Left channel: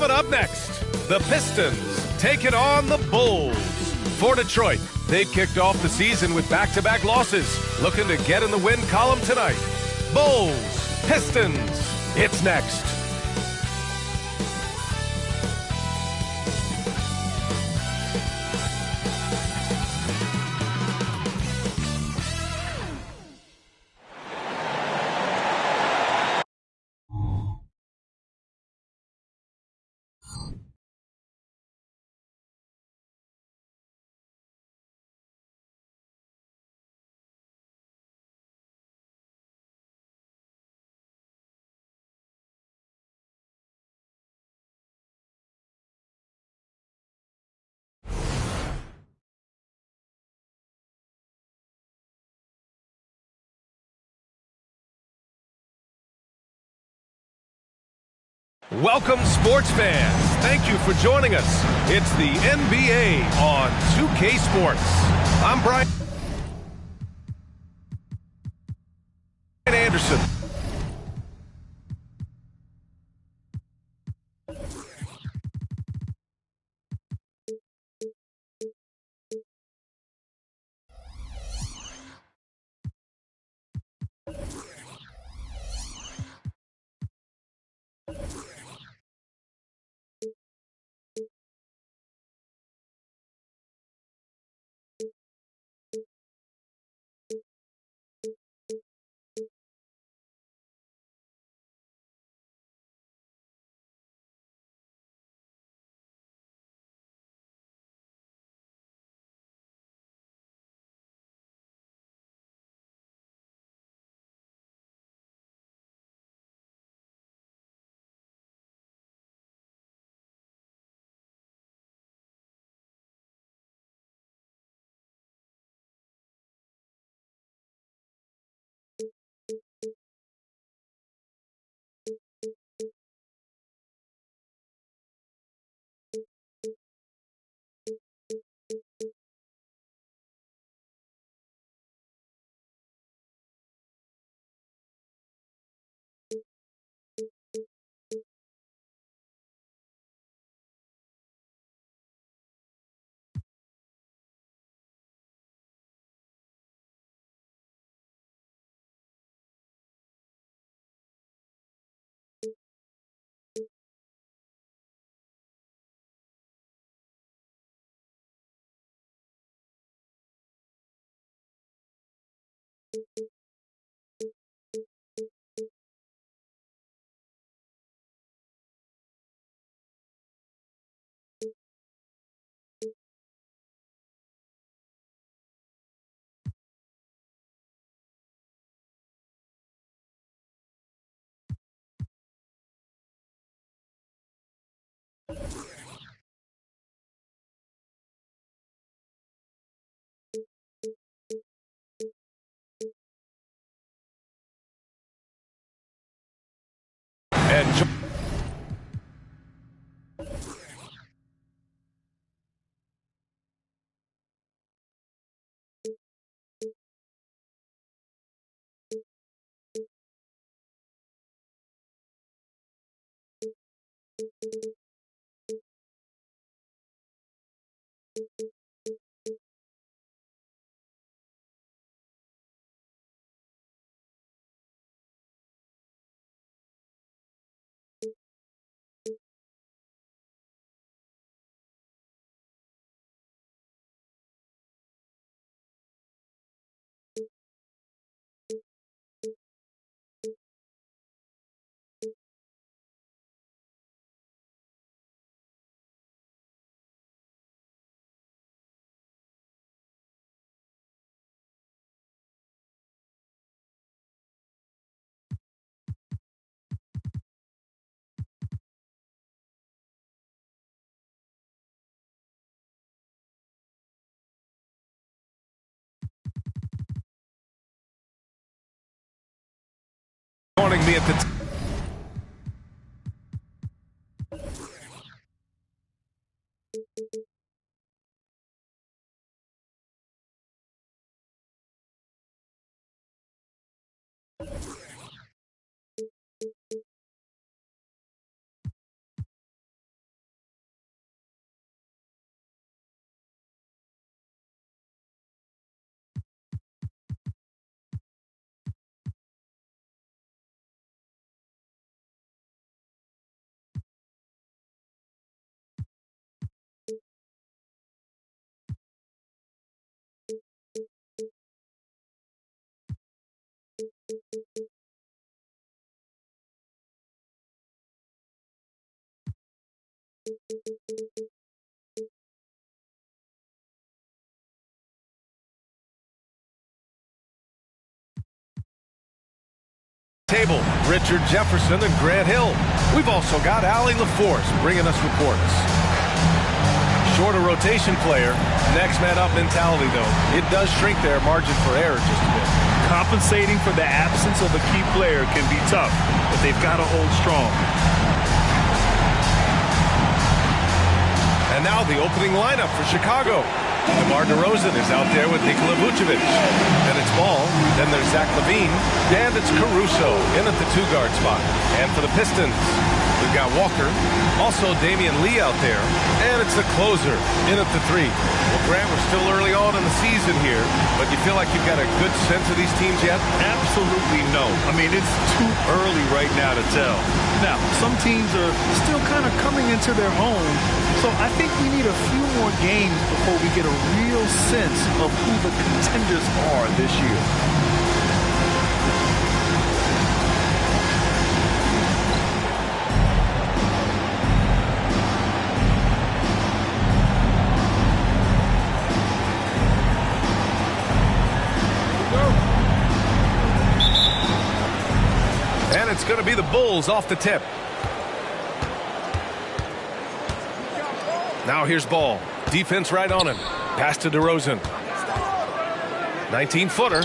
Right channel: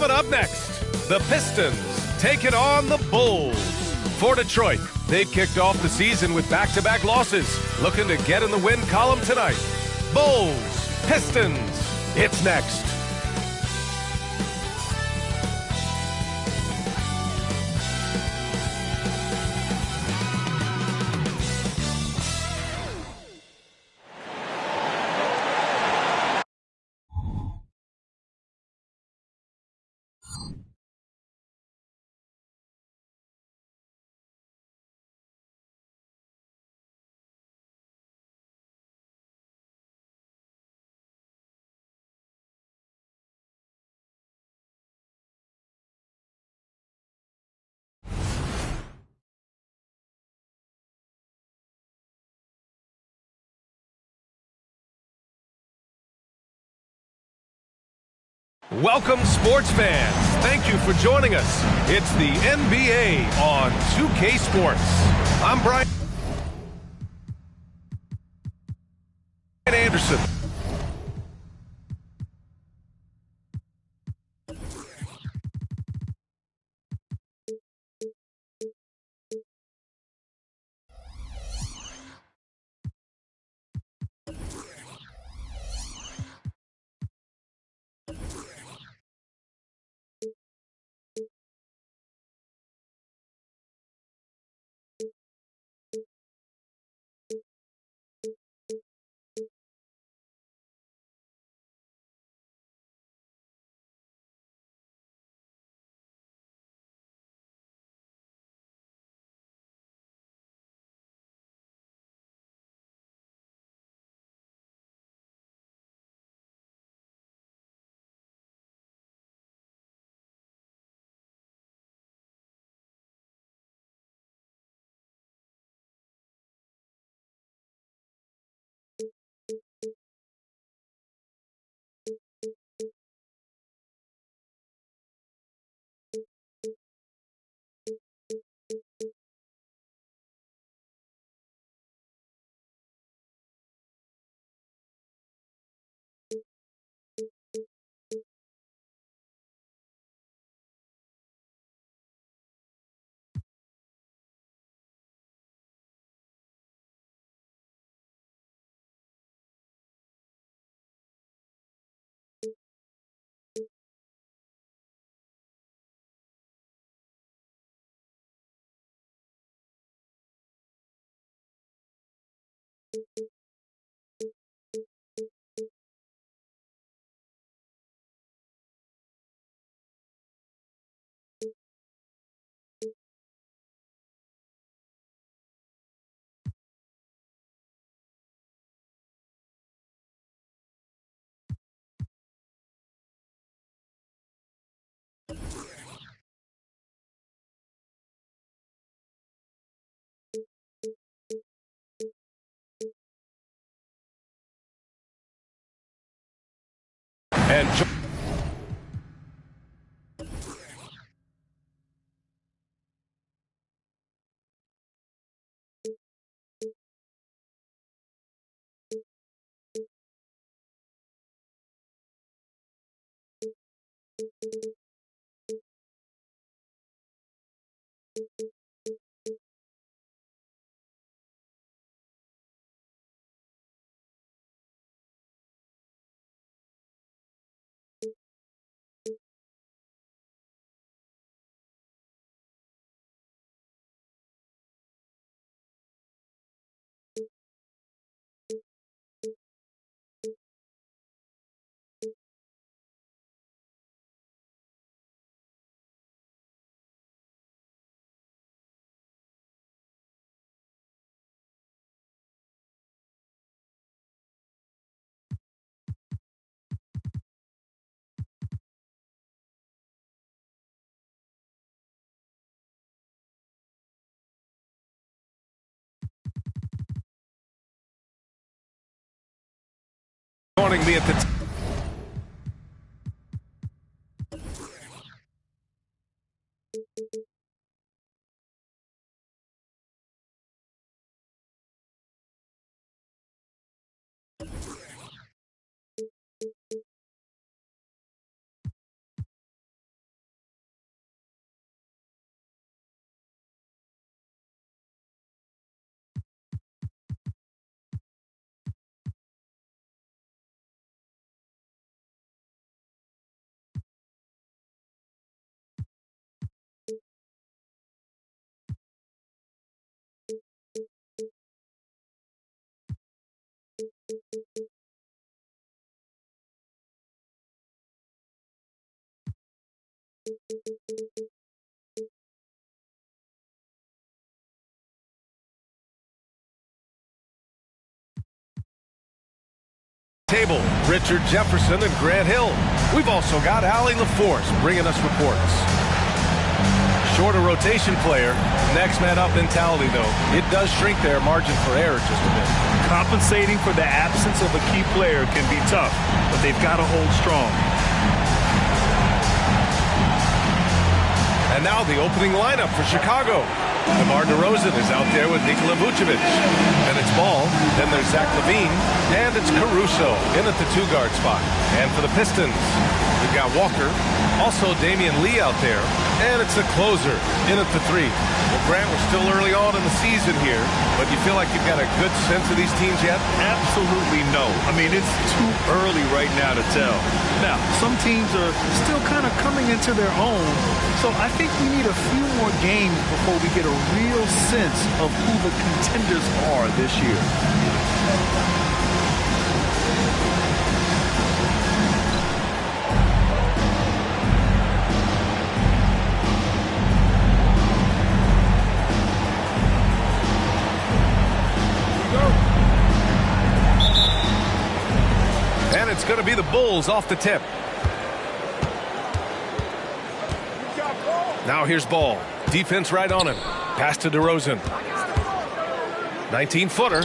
Coming up next, the Pistons taking on the Bulls. For Detroit, they've kicked off the season with back-to-back losses, looking to get in the win column tonight. Bulls, Pistons, it's next. Welcome, sports fans. Thank you for joining us. It's the NBA on 2K Sports. I'm Brian Anderson. And joining me at the table, Richard Jefferson and Grant Hill. We've also got Allie LaForce bringing us reports. Shorter rotation player, next man up mentality, though. It does shrink their margin for error just a bit. Compensating for the absence of a key player can be tough, but they've got to hold strong. And now the opening lineup for Chicago. DeMar DeRozan is out there with Nikola Vucevic. Then it's Ball. Then there's Zach LaVine. And it's Caruso in at the two-guard spot. And for the Pistons, we've got Walker. Also Damian Lee out there. And it's the closer in at the three. Well, Grant, we're still early on in the season here, but you feel like you've got a good sense of these teams yet? Absolutely no. I mean, it's too early right now to tell. Now, some teams are still kind of coming into their own, so I think we need a few more games before we get a real sense of who the contenders are this year. And it's going to be the Bulls off the tip. Now here's Ball. Defense right on him. Pass to DeRozan. 19-footer.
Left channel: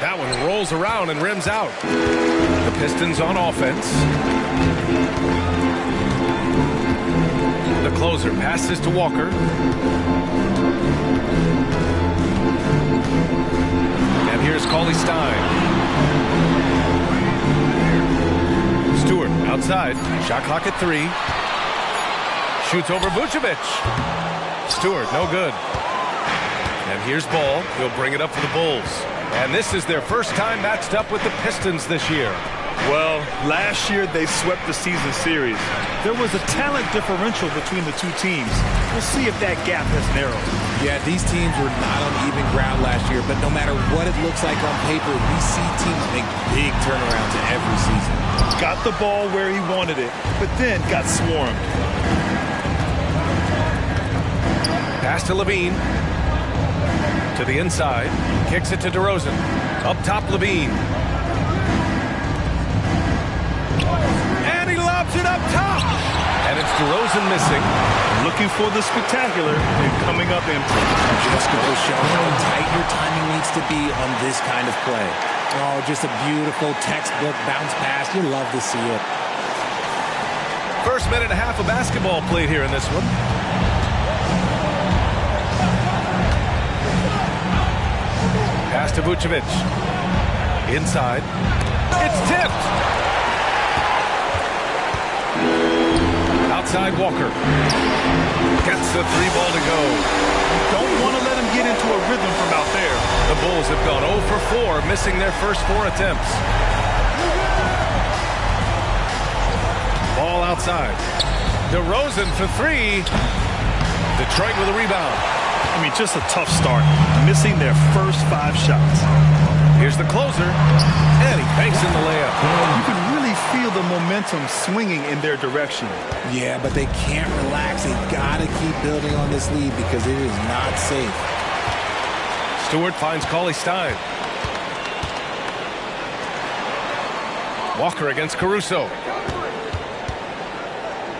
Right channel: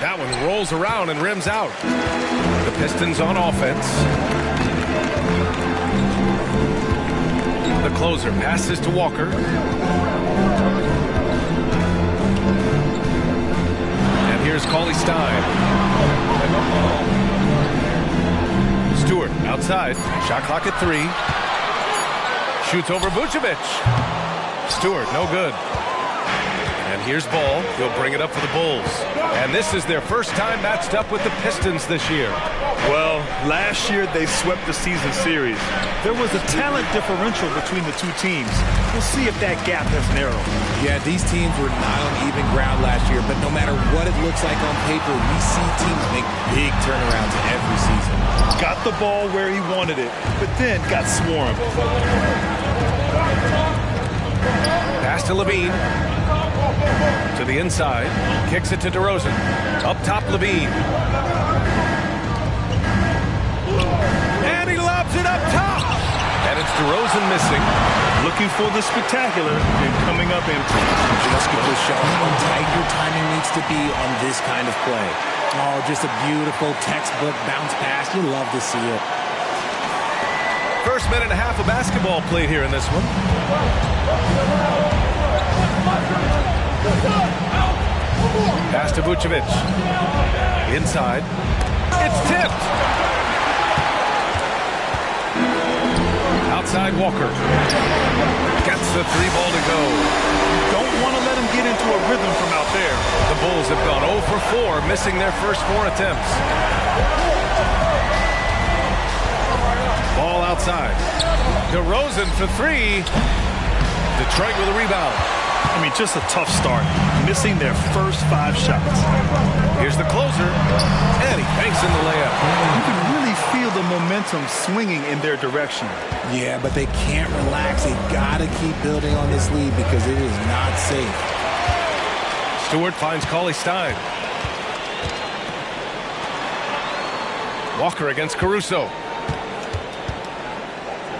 That one rolls around and rims out. The Pistons on offense. The closer passes to Walker. And here's Cauley Stein. Stewart outside. Shot clock at 3. Shoots over Vucevic. Stewart, no good. And here's Ball. He'll bring it up for the Bulls. And this is their first time matched up with the Pistons this year. Well, last year they swept the season series. There was a talent differential between the two teams. We'll see if that gap has narrowed. Yeah, these teams were not on even ground last year, but no matter what it looks like on paper, we see teams make big turnarounds every season. Got the ball where he wanted it, but then got swarmed. Pass to LaVine. To the inside. Kicks it to DeRozan. Up top, LaVine. And he lobs it up top. And it's DeRozan missing. Looking for the spectacular and coming up empty. Just goes to show how tight your timing needs to be on this kind of play. Oh, just a beautiful textbook bounce pass. You love to see it. First minute and a half of basketball played here in this one. Pass to Vucevic. Inside. It's tipped. Outside Walker. Gets the 3 ball to go. Don't want to let him get into a rhythm from out there. The Bulls have gone 0 for 4, missing their first 4 attempts. Ball outside. DeRozan for 3. Detroit with a rebound. I mean, just a tough start. Missing their first 5 shots. Here's the closer. And he banks in the layup. You can really feel the momentum swinging in their direction. Yeah, but they can't relax. They got to keep building on this lead because it is not safe. Stewart finds Cauley Stein. Walker against Caruso.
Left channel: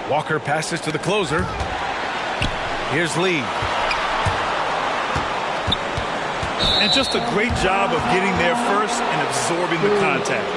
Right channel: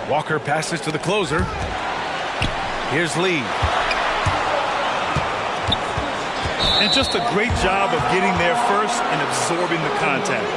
Walker passes to the closer. Here's Lee. And just a great job of getting there first and absorbing the contact.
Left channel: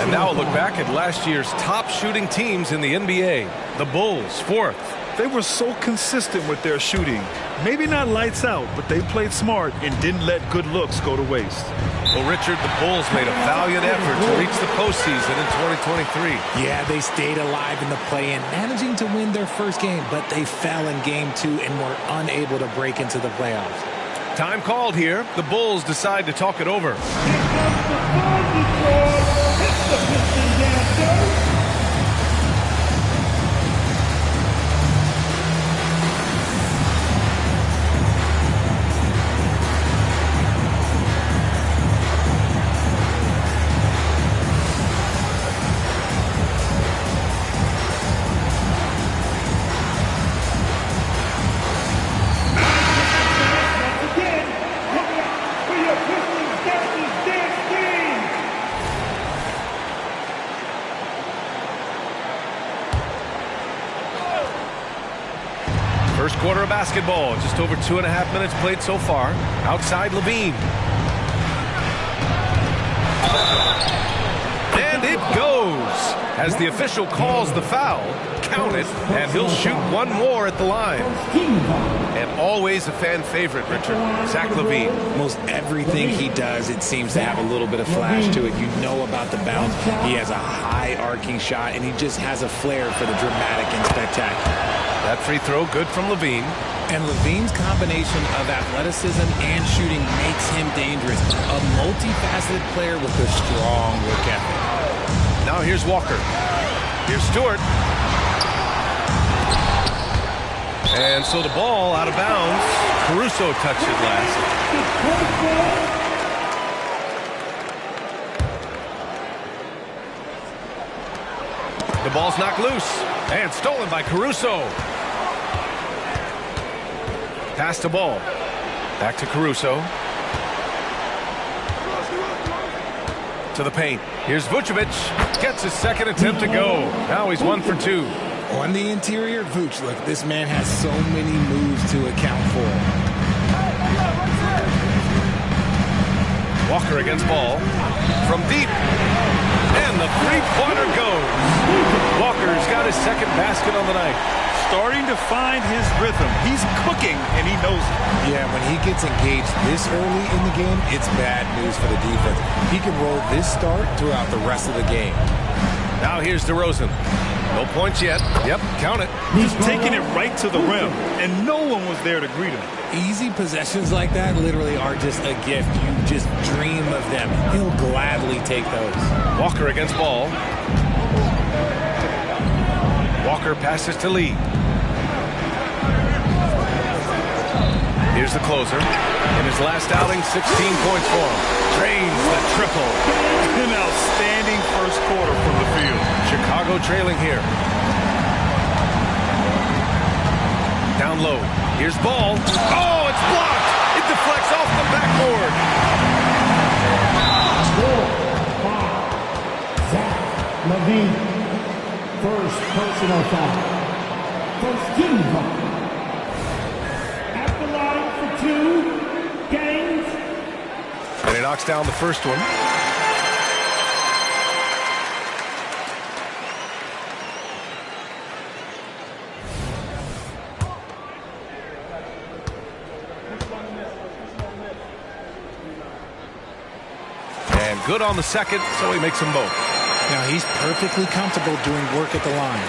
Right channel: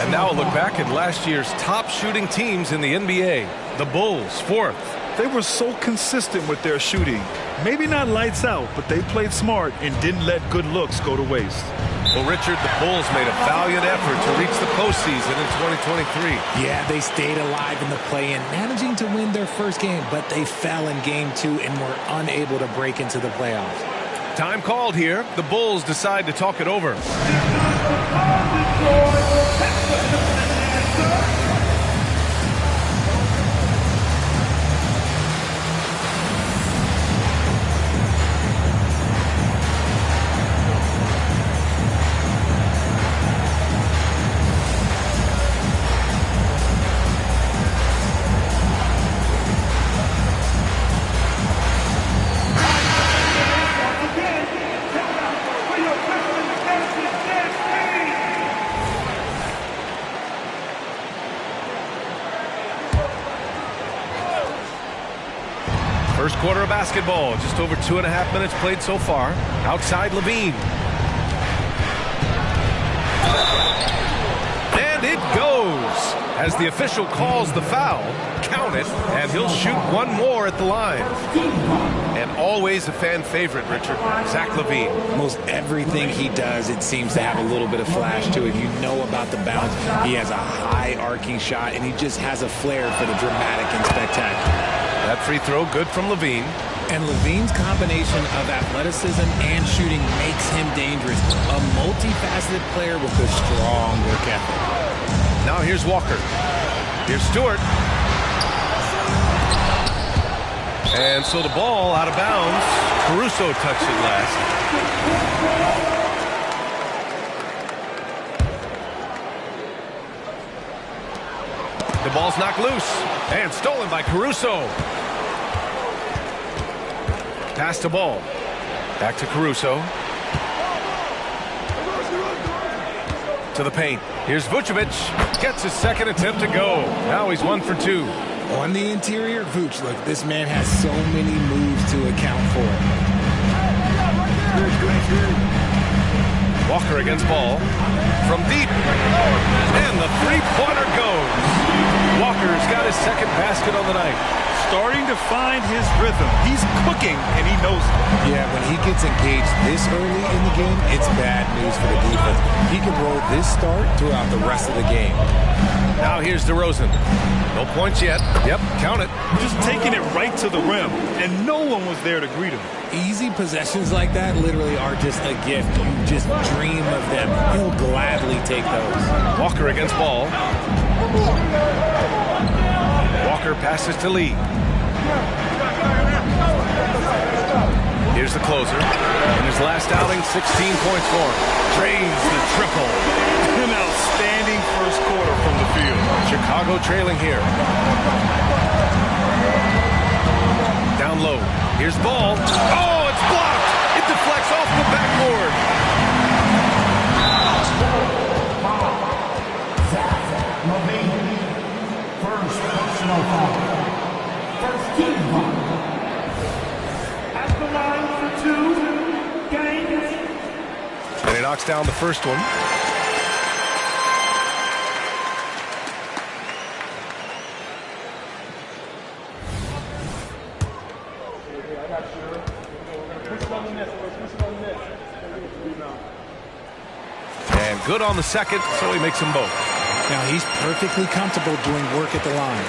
And now a look back at last year's top shooting teams in the NBA. The Bulls, 4th. They were so consistent with their shooting. Maybe not lights out, but they played smart and didn't let good looks go to waste. Well, Richard, the Bulls made a valiant effort to reach the postseason in 2023. Yeah, they stayed alive in the play-in, managing to win their first game, but they fell in game 2 and were unable to break into the playoffs. Time called here. The Bulls decide to talk it over. First quarter of basketball, just over 2.5 minutes played so far. Outside Levine. And it goes. As the official calls the foul, count it, and he'll shoot one more at the line. And always a fan favorite, Richard, Zach LaVine. Most everything he does, it seems to have a little bit of flash to it. You know about the bounce. He has a high arcing shot, and he just has a flair for the dramatic and spectacular. That free throw good from LaVine. And LaVine's combination of athleticism and shooting makes him dangerous. A multifaceted player with a strong work ethic. Now here's Walker. Here's Stewart. And so the ball out of bounds. Caruso touched it last. The ball's knocked loose and stolen by Caruso. Pass the ball. Back to Caruso. To the paint. Here's Vucevic. Gets his second attempt to go. Now he's 1 for 2. On the interior, Vooch, look, this man has so many moves to account for. Walker against ball. From deep. And the three-pointer goes. Walker's got his second basket on the night. Starting to find his rhythm. He's cooking, and he knows it. Yeah, when he gets engaged this early in the game, it's bad news for the defense. He can roll this start throughout the rest of the game. Now here's DeRozan. No points yet. Yep, count it. Just taking it right to the rim, and no one was there to greet him. Easy possessions like that literally are just a gift. You just dream of them. He'll gladly take those. Walker against ball. Walker passes to Lee. Here's the closer. In his last outing, 16 points for him. Drains the triple. An outstanding first quarter from the field. Chicago trailing here. Down low. Here's ball. Oh, it's blocked. It deflects off the backboard. Zach LaVine. First personal foul. First team foul. At the line for 2 games. And he knocks down the first one. And good on the second, so he makes them both. Now he's perfectly comfortable doing work at the line.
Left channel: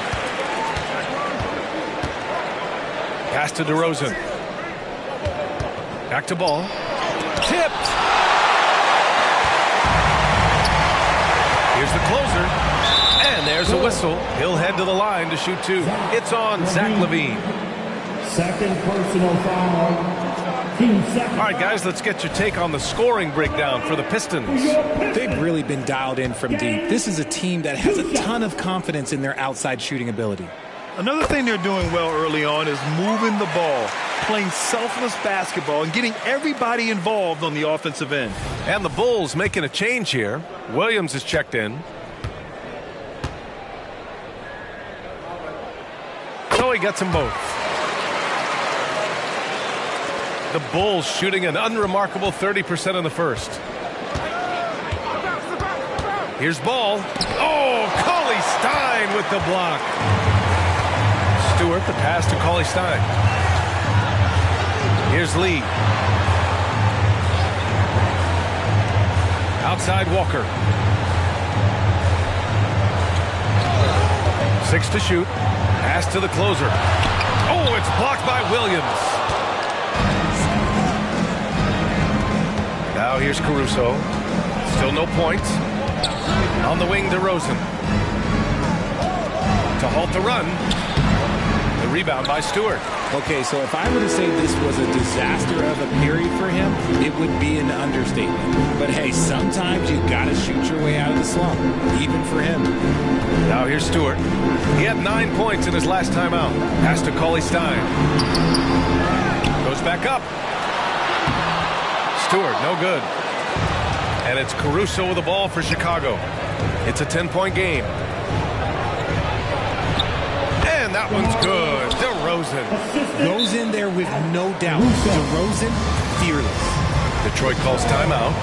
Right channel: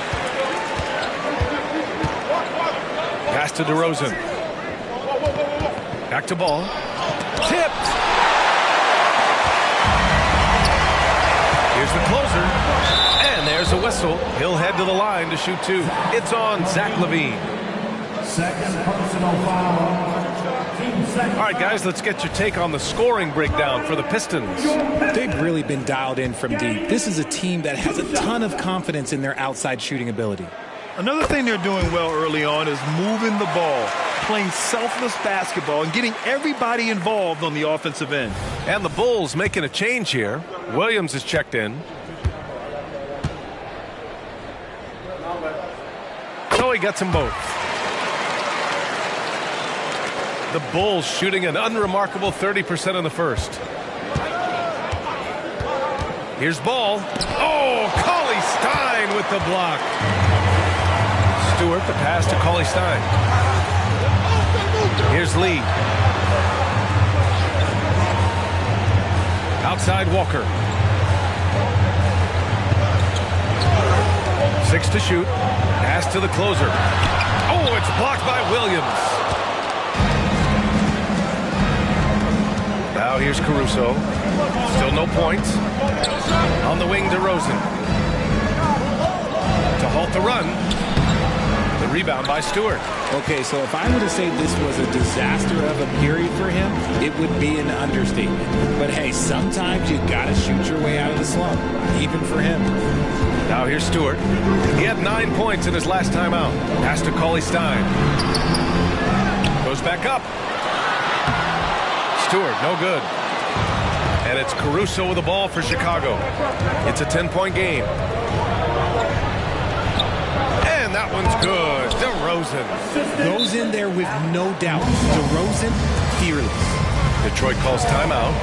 Pass to DeRozan. Back to ball. Tipped. Here's the closer. And there's a whistle. He'll head to the line to shoot 2. It's on Zach LaVine. Second personal foul. Team second. All right, guys, let's get your take on the scoring breakdown for the Pistons. They've really been dialed in from deep. This is a team that has a ton of confidence in their outside shooting ability. Another thing they're doing well early on is moving the ball, playing selfless basketball, and getting everybody involved on the offensive end. And the Bulls making a change here. Williams is checked in. So he gets them both. The Bulls shooting an unremarkable 30% in the first. Here's ball. Oh, Cauley Stein with the block. Stewart, the pass to Cauley Stein. Here's Lee. Outside Walker. 6 to shoot. Pass to the closer. Oh, it's blocked by Williams. Now here's Caruso. Still no points. On the wing, DeRozan. To halt the run. The rebound by Stewart. Okay, so if I were to say this was a disaster of a period for him, it would be an understatement. But hey, sometimes you gotta shoot your way out of the slump, even for him. Now here's Stewart. He had 9 points in his last time out. Pass to Cauley Stein. Goes back up. Stewart, no good. And it's Caruso with the ball for Chicago. It's a 10-point game. And that one's good. DeRozan goes in there with no doubt. DeRozan, fearless. Detroit calls timeout.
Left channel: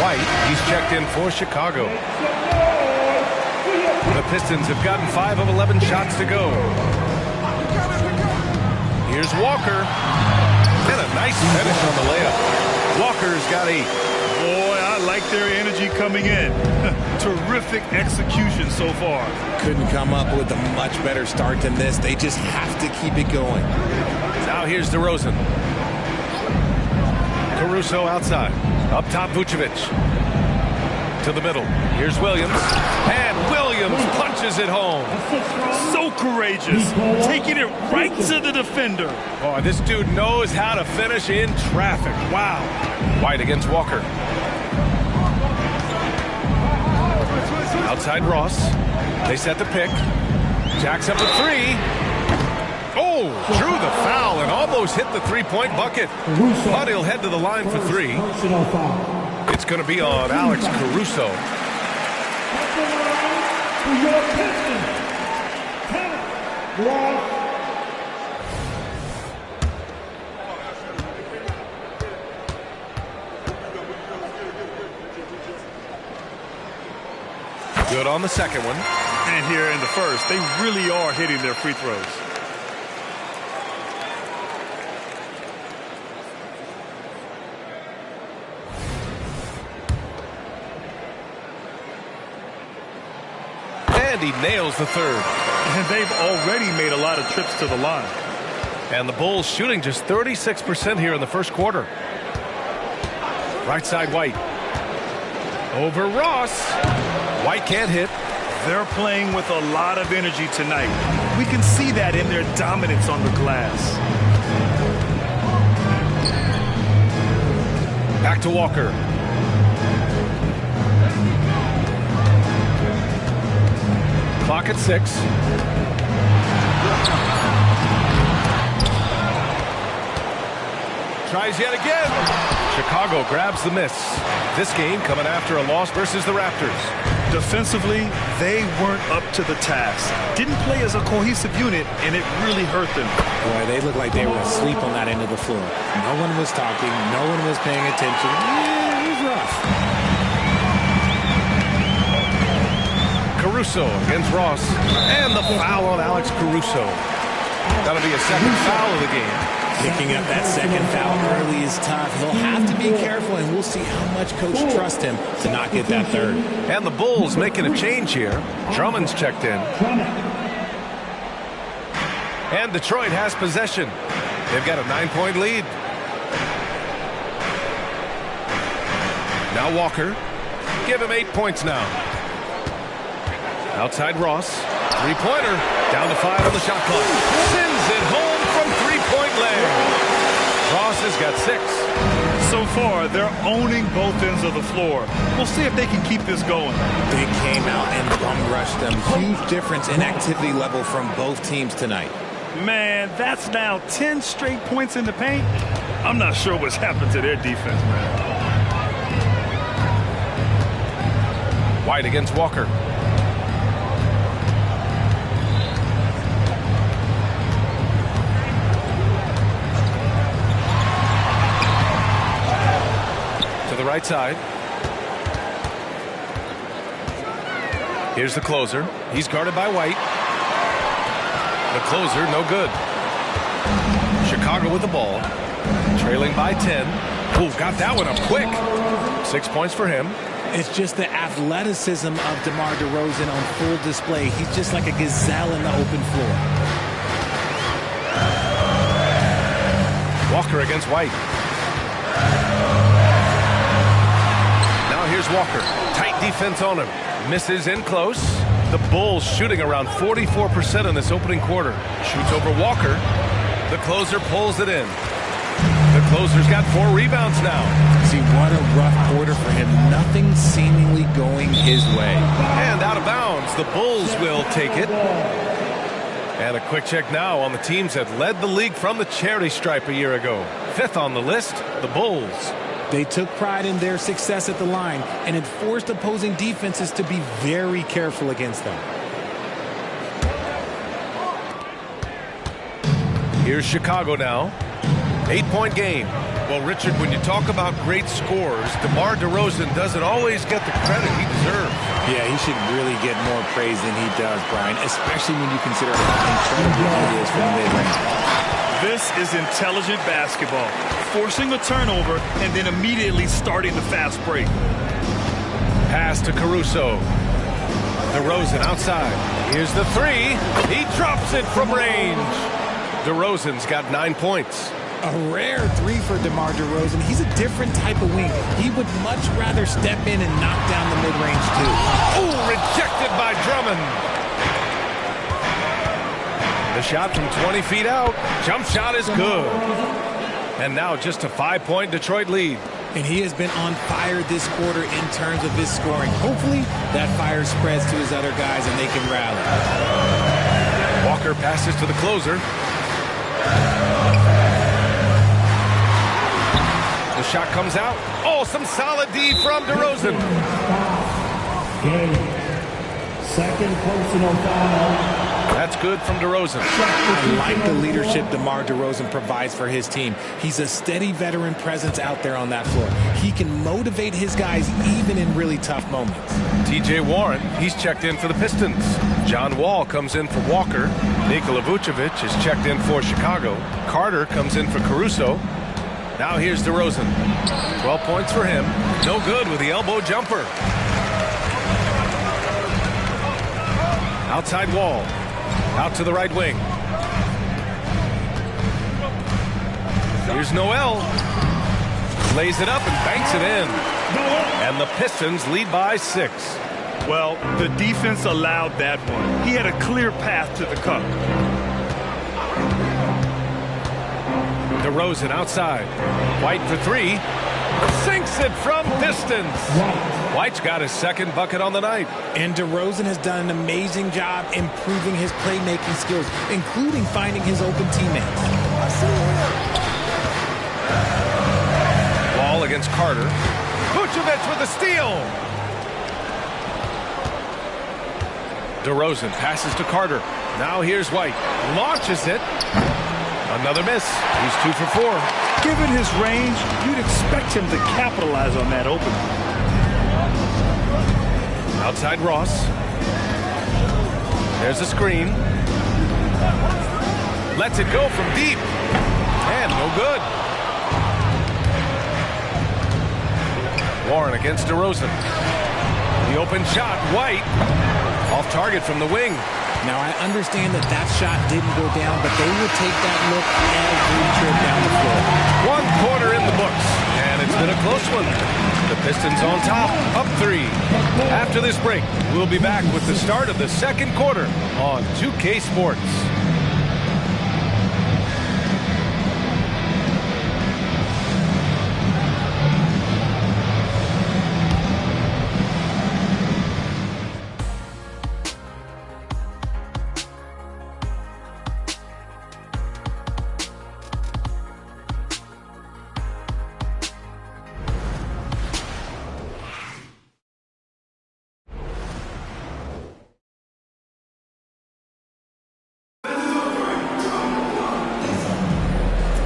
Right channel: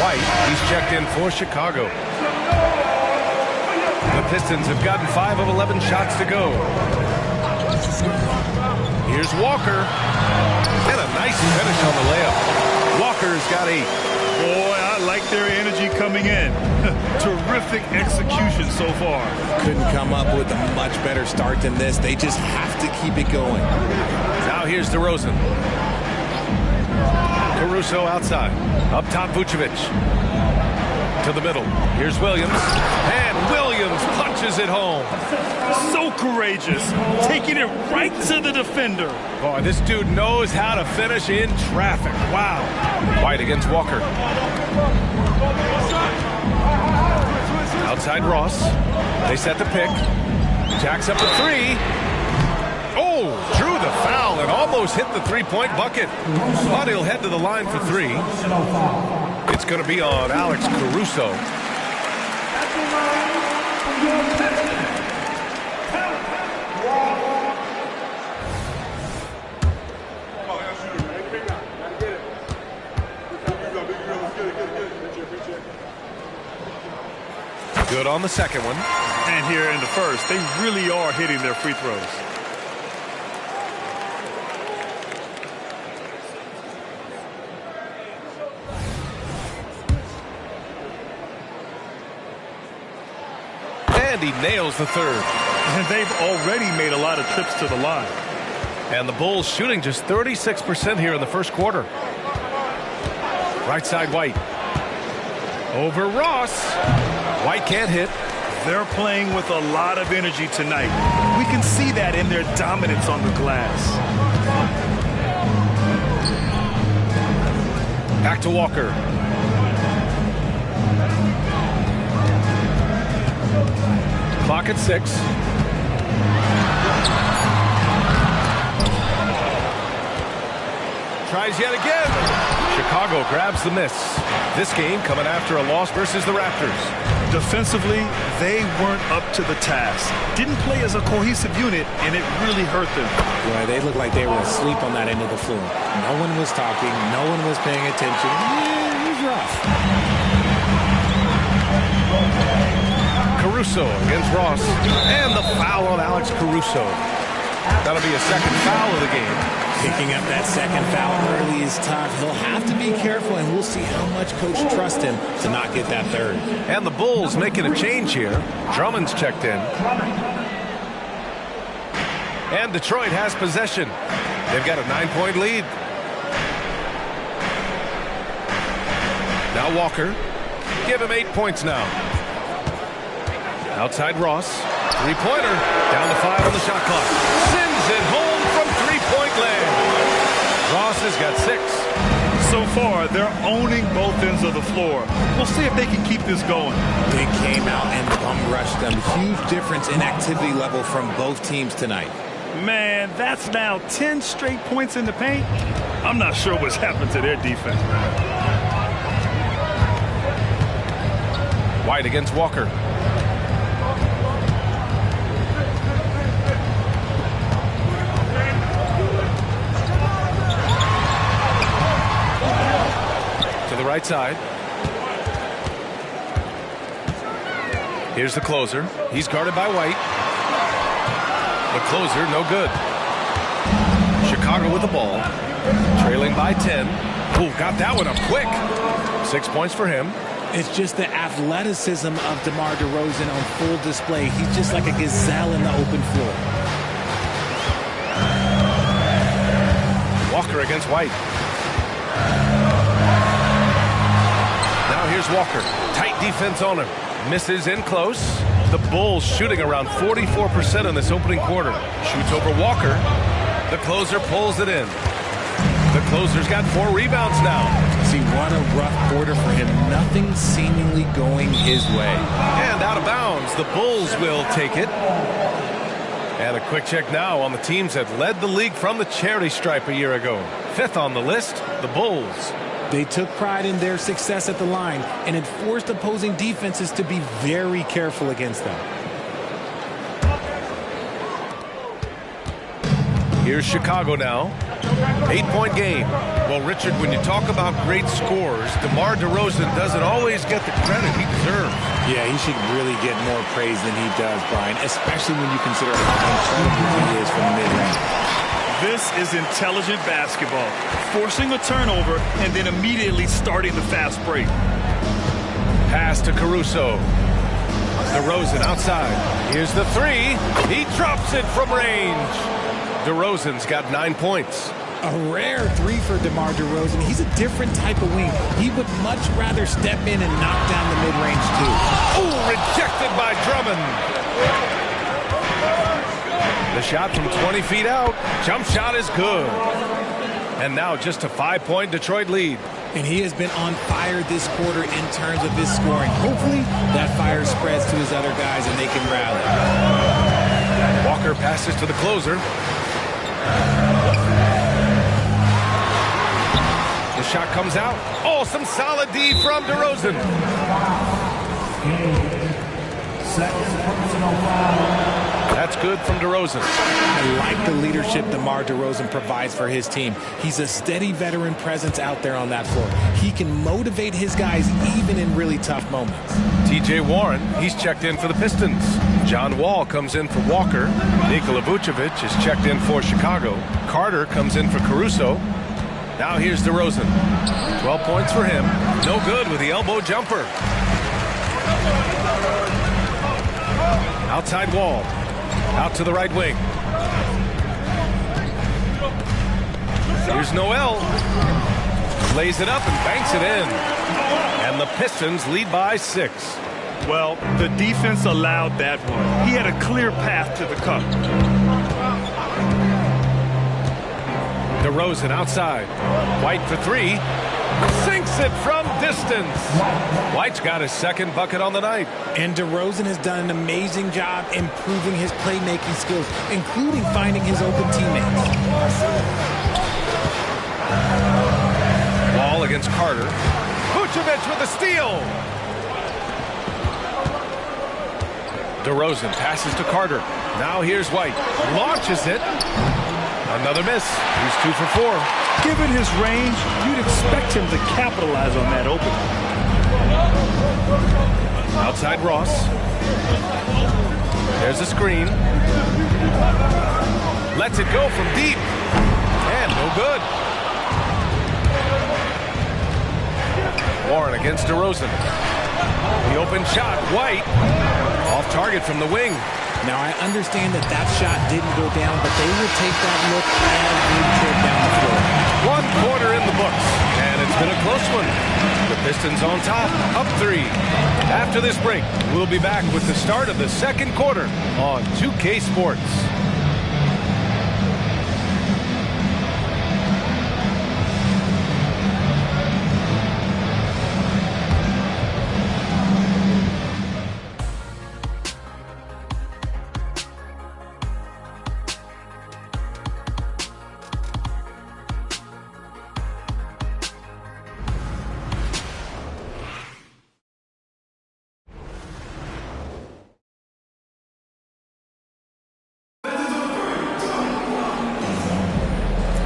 White, he's checked in for Chicago. The Pistons have gotten 5 of 11 shots to go. Here's Walker. And a nice finish on the layup. Walker's got 8. Boy, I like their energy coming in. Terrific execution so far. Couldn't come up with a much better start than this. They just have to keep it going. Now here's DeRozan. Caruso outside. Up top, Vucevic. To the middle. Here's Williams. And Williams punches it home. So courageous. Taking it right to the defender. Boy, this dude knows how to finish in traffic. Wow. White against Walker. Outside Ross. They set the pick. Jacks up a 3. Oh, drew the foul and almost hit the three-point bucket. But he'll head to the line for 3. It's going to be on Alex Caruso. At the line for your Pistons, Count Ross. Good on the second one. And here in the first, they really are hitting their free throws. And he nails the third. And they've already made a lot of trips to the line. And the Bulls shooting just 36% here in the first quarter. Right side White. Over Ross. White can't hit. They're playing with a lot of energy tonight. We can see that in their dominance on the glass. Back to Walker. Clock at 6. Tries yet again. Chicago grabs the miss. This game coming after a loss versus the Raptors. Defensively, they weren't up to the task. Didn't play as a cohesive unit, and it really hurt them. Boy, they looked like they were asleep on that end of the floor. No one was talking. No one was paying attention. Yeah, it was rough. Caruso against Ross. And the foul on Alex Caruso. That'll be a second foul of the game. Picking up that second foul early is tough. He'll have to be careful, and we'll see how much coach trusts him to not get that third. And the Bulls making a change here. Drummond's checked in. And Detroit has possession. They've got a 9-point lead. Now Walker. Give him 8 points now. Outside Ross. Three-pointer. Down to 5 on the shot clock. Sends it home from three-point land. Ross has got 6. So far, they're owning both ends of the floor. We'll see if they can keep this going. They came out and bum rushed them. Huge difference in activity level from both teams tonight. Man, that's now 10 straight points in the paint. I'm not sure what's happened to their defense, man. White against Walker. To the right side. Here's the closer. He's guarded by White. The closer, no good. Chicago with the ball. Trailing by 10. Ooh, got that one up quick. 6 points for him. It's just the athleticism of DeMar DeRozan on full display. He's just like a gazelle in the open floor. Walker against White. Now here's Walker. Tight defense on him. Misses in close. The Bulls shooting around 44% in this opening quarter. Shoots over Walker. The closer pulls it in. The closer's got 4 rebounds now. See, what a rough quarter for him. Nothing seemingly going his way. And out of bounds, the Bulls will take it. And a quick check now on the teams that led the league from the charity stripe a year ago. 5th on the list, the Bulls. They took pride in their success at the line, and it forced opposing defenses to be very careful against them. Here's Chicago now. 8-point game. Well, Richard, when you talk about great scores, DeMar DeRozan doesn't always get the credit he deserves. Yeah, he should really get more praise than he does, Brian, especially when you consider how incredible he is from the mid-range. This is intelligent basketball. Forcing a turnover and then immediately starting the fast break. Pass to Caruso. DeRozan outside. Here's the 3. He drops it from range. DeRozan's got 9 points. A rare 3 for DeMar DeRozan. He's a different type of wing. He would much rather step in and knock down the mid-range too. Oh, rejected by Drummond. The shot from 20 feet out. Jump shot is good. And now just a 5-point Detroit lead. And he has been on fire this quarter in terms of his scoring. Hopefully that fire spreads to his other guys and they can rally. Walker passes to the closer. The shot comes out. Oh, some solid D from DeRozan. Second personal foul. That's good from DeRozan. I like the leadership DeMar DeRozan provides for his team. He's a steady veteran presence out there on that floor. He can motivate his guys even in really tough moments. T.J. Warren, he's checked in for the Pistons. John Wall comes in for Walker. Nikola Vucevic is checked in for Chicago. Carter comes in for Caruso. Now here's DeRozan. 12 points for him. No good with the elbow jumper. Outside Wall. Out to the right wing. Here's Noel. Lays it up and banks it in. And the Pistons lead by 6. Well, the defense allowed that one. He had a clear path to the cup. DeRozan outside. White for 3. Sinks it from distance. White's got his second bucket on the night. And DeRozan has done an amazing job improving his playmaking skills, including finding his open teammates. Wall against Carter. Vucevic with a steal. DeRozan passes to Carter. Now here's White. Launches it. Another miss. He's 2 for 4. Given his range, you'd expect him to capitalize on that opening. Outside Ross. There's a screen. Lets it go from deep. And no good. Warren against DeRozan. The open shot. White. Off target from the wing. Now, I understand that that shot didn't go down, but they will take that look every trip down the floor. 1 quarter in the books, and it's been a close one. The Pistons on top, up 3. After this break, we'll be back with the start of the second quarter on 2K Sports.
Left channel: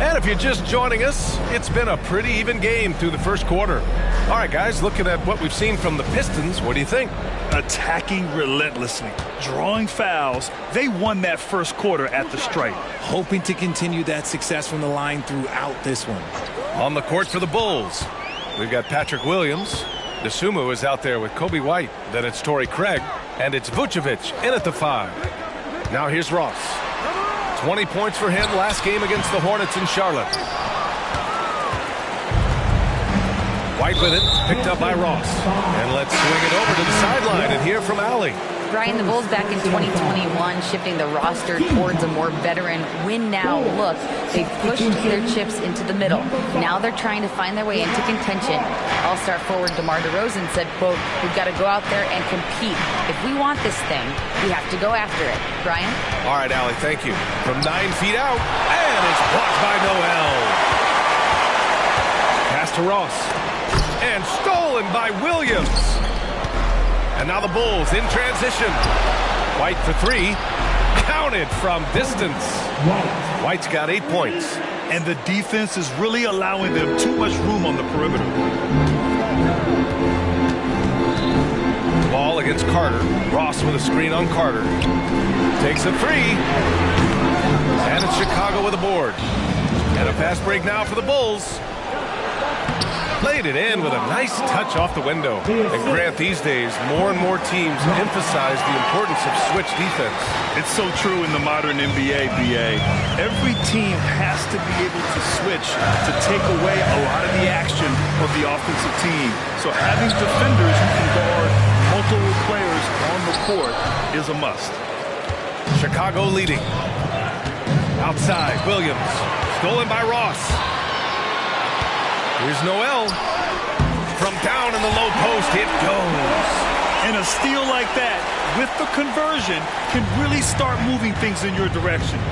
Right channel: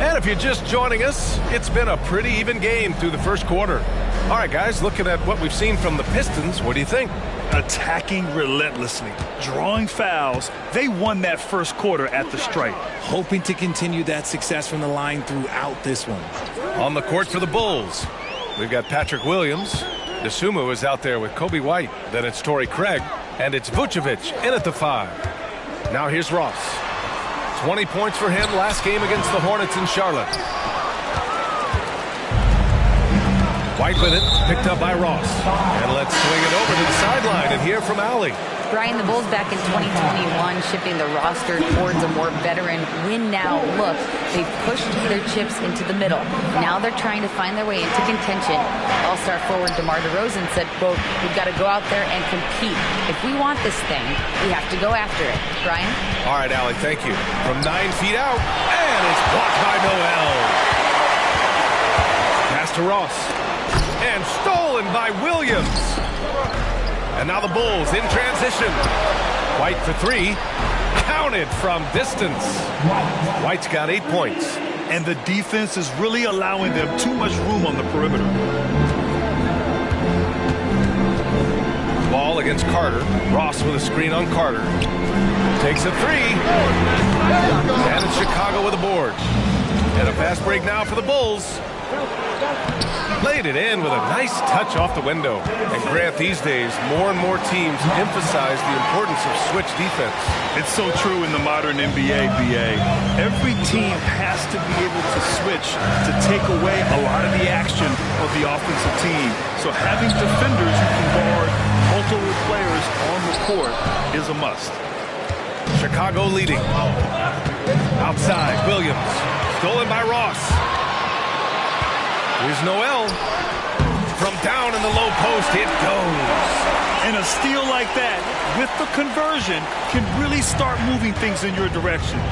And if you're just joining us, it's been a pretty even game through the first quarter. All right, guys, looking at what we've seen from the Pistons, what do you think? Attacking relentlessly, drawing fouls. They won that first quarter at the stripe. Hoping to continue that success from the line throughout this one. On the court for the Bulls, we've got Patrick Williams. DeSumo is out there with Kobe White. Then it's Torrey Craig. And it's Vucevic in at the 5. Now here's Ross. 20 points for him last game against the Hornets in Charlotte. White with it, picked up by Ross. And let's swing it over to the sideline and hear from Allie. Brian, the Bulls back in 2021 shifting the roster towards a more veteran win-now look. They've pushed their chips into the middle. Now they're trying to find their way into contention. All-star forward DeMar DeRozan said, quote, "We've got to go out there and compete. If we want this thing, we have to go after it." Brian? All right, Allie, thank you. From 9 feet out, and it's blocked by Noel. Pass to Ross. And stolen by Williams. And now the Bulls in transition. White for three. Counted from distance. White's got 8 points. And the defense is really allowing them too much room on the perimeter. Ball against Carter. Ross with a screen on Carter. Takes a three. And it's Chicago with a board. And a fast break now for the Bulls. Played it in with a nice touch off the window. And Grant, these days, more and more teams emphasize the importance of switch defense. It's so true in the modern NBA, BA. Every team has to be able to switch to take away a lot of the action of the offensive team. So having defenders who can guard multiple players on the court is a must. Chicago leading. Outside, Williams. Stolen by Ross. Here's Noel. From down in the low post, it goes. And a steal like that, with the conversion, can really start moving things in your direction.